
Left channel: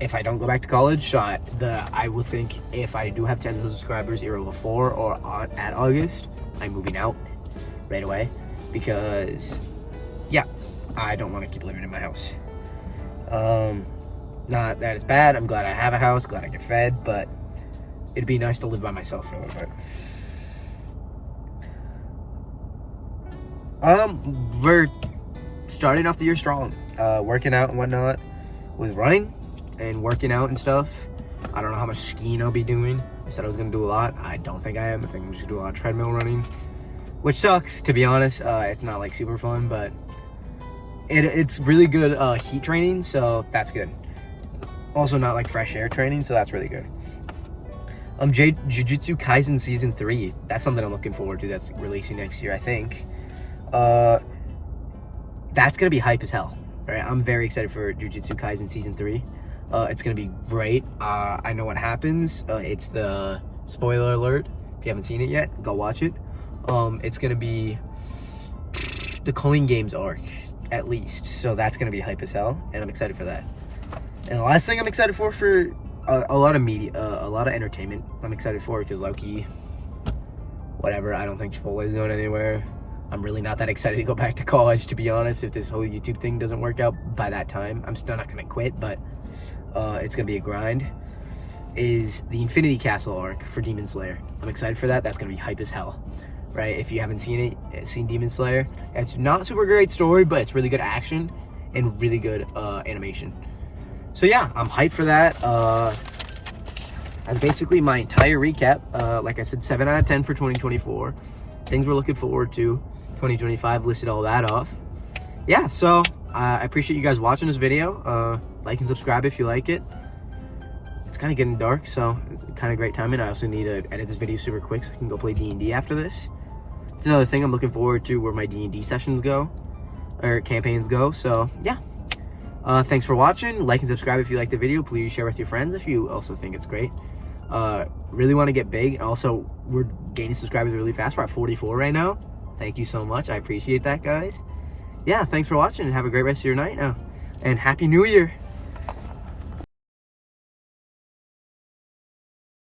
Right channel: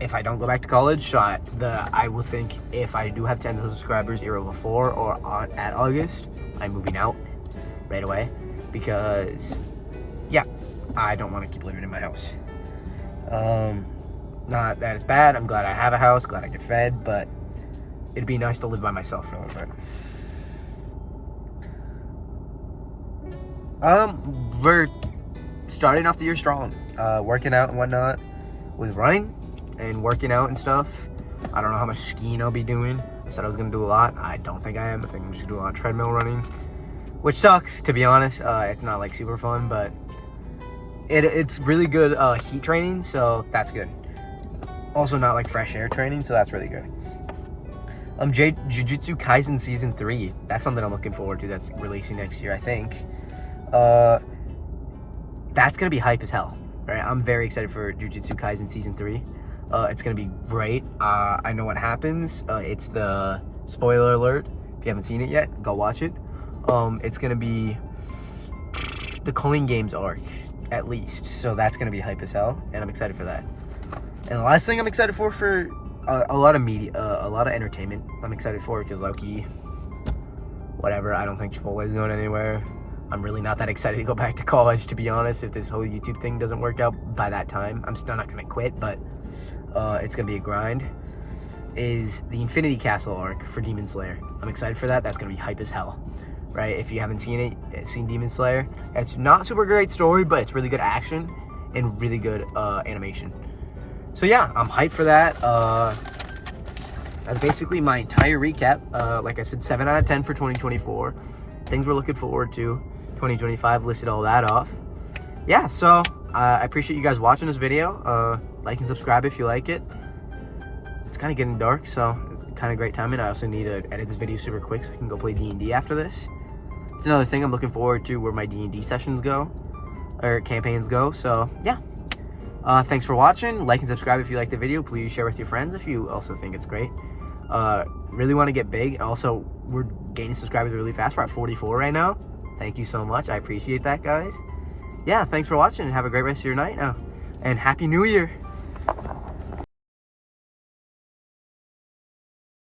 if I don't go back to college. So I will think if I do have 10,000 subscribers either before or at August, I'm moving out right away because yeah, I don't want to keep living in my house. Not that it's bad. I'm glad I have a house, glad I get fed, but it'd be nice to live by myself for a little bit. We're starting off the year strong, working out and whatnot with running and working out and stuff. I don't know how much skiing I'll be doing. I said I was gonna do a lot. I don't think I am. I think I'm just gonna do a lot of treadmill running, which sucks, to be honest. It's not like super fun, but it's really good heat training, so that's good. Also not like fresh air training, so that's really good. Jujutsu Kaisen Season 3. That's something I'm looking forward to. That's releasing next year, I think. That's gonna be hype as hell, right? I'm very excited for Jujutsu Kaisen Season 3. It's gonna be great. I know what happens. It's the spoiler alert. If you haven't seen it yet, go watch it. It's gonna be the Culling Games arc, at least. So that's gonna be hype as hell, and I'm excited for that. And the last thing I'm excited for a lot of media, a lot of entertainment. I'm excited for because Loki, whatever. I don't think Chipotle is going anywhere. I'm really not that excited to go back to college, to be honest. If this whole YouTube thing doesn't work out by that time, I'm still not gonna quit, but it's gonna be a grind. Is the Infinity Castle arc for Demon Slayer. I'm excited for that. That's gonna be hype as hell, right? If you haven't seen Demon Slayer, it's not super great story, but it's really good action and really good animation. So yeah, I'm hyped for that. That's basically my entire recap. Like I said, 7 out of 10 for 2024. Things we're looking forward to. 2025, listed all that off. Yeah, so I appreciate you guys watching this video. Like and subscribe if you like it. It's kind of getting dark, so it's kind of great timing. I also need to edit this video super quick so I can go play D&D after this. It's another thing I'm looking forward to, where my D&D sessions go, or campaigns go. So yeah, thanks for watching. Like and subscribe if you like the video. Please share with your friends if you also think it's great. Really want to get big. Also, we're gaining subscribers really fast. We're at 44 right now. Thank you so much. I appreciate that, guys. Yeah, thanks for watching and have a great rest of your night now. And Happy New Year.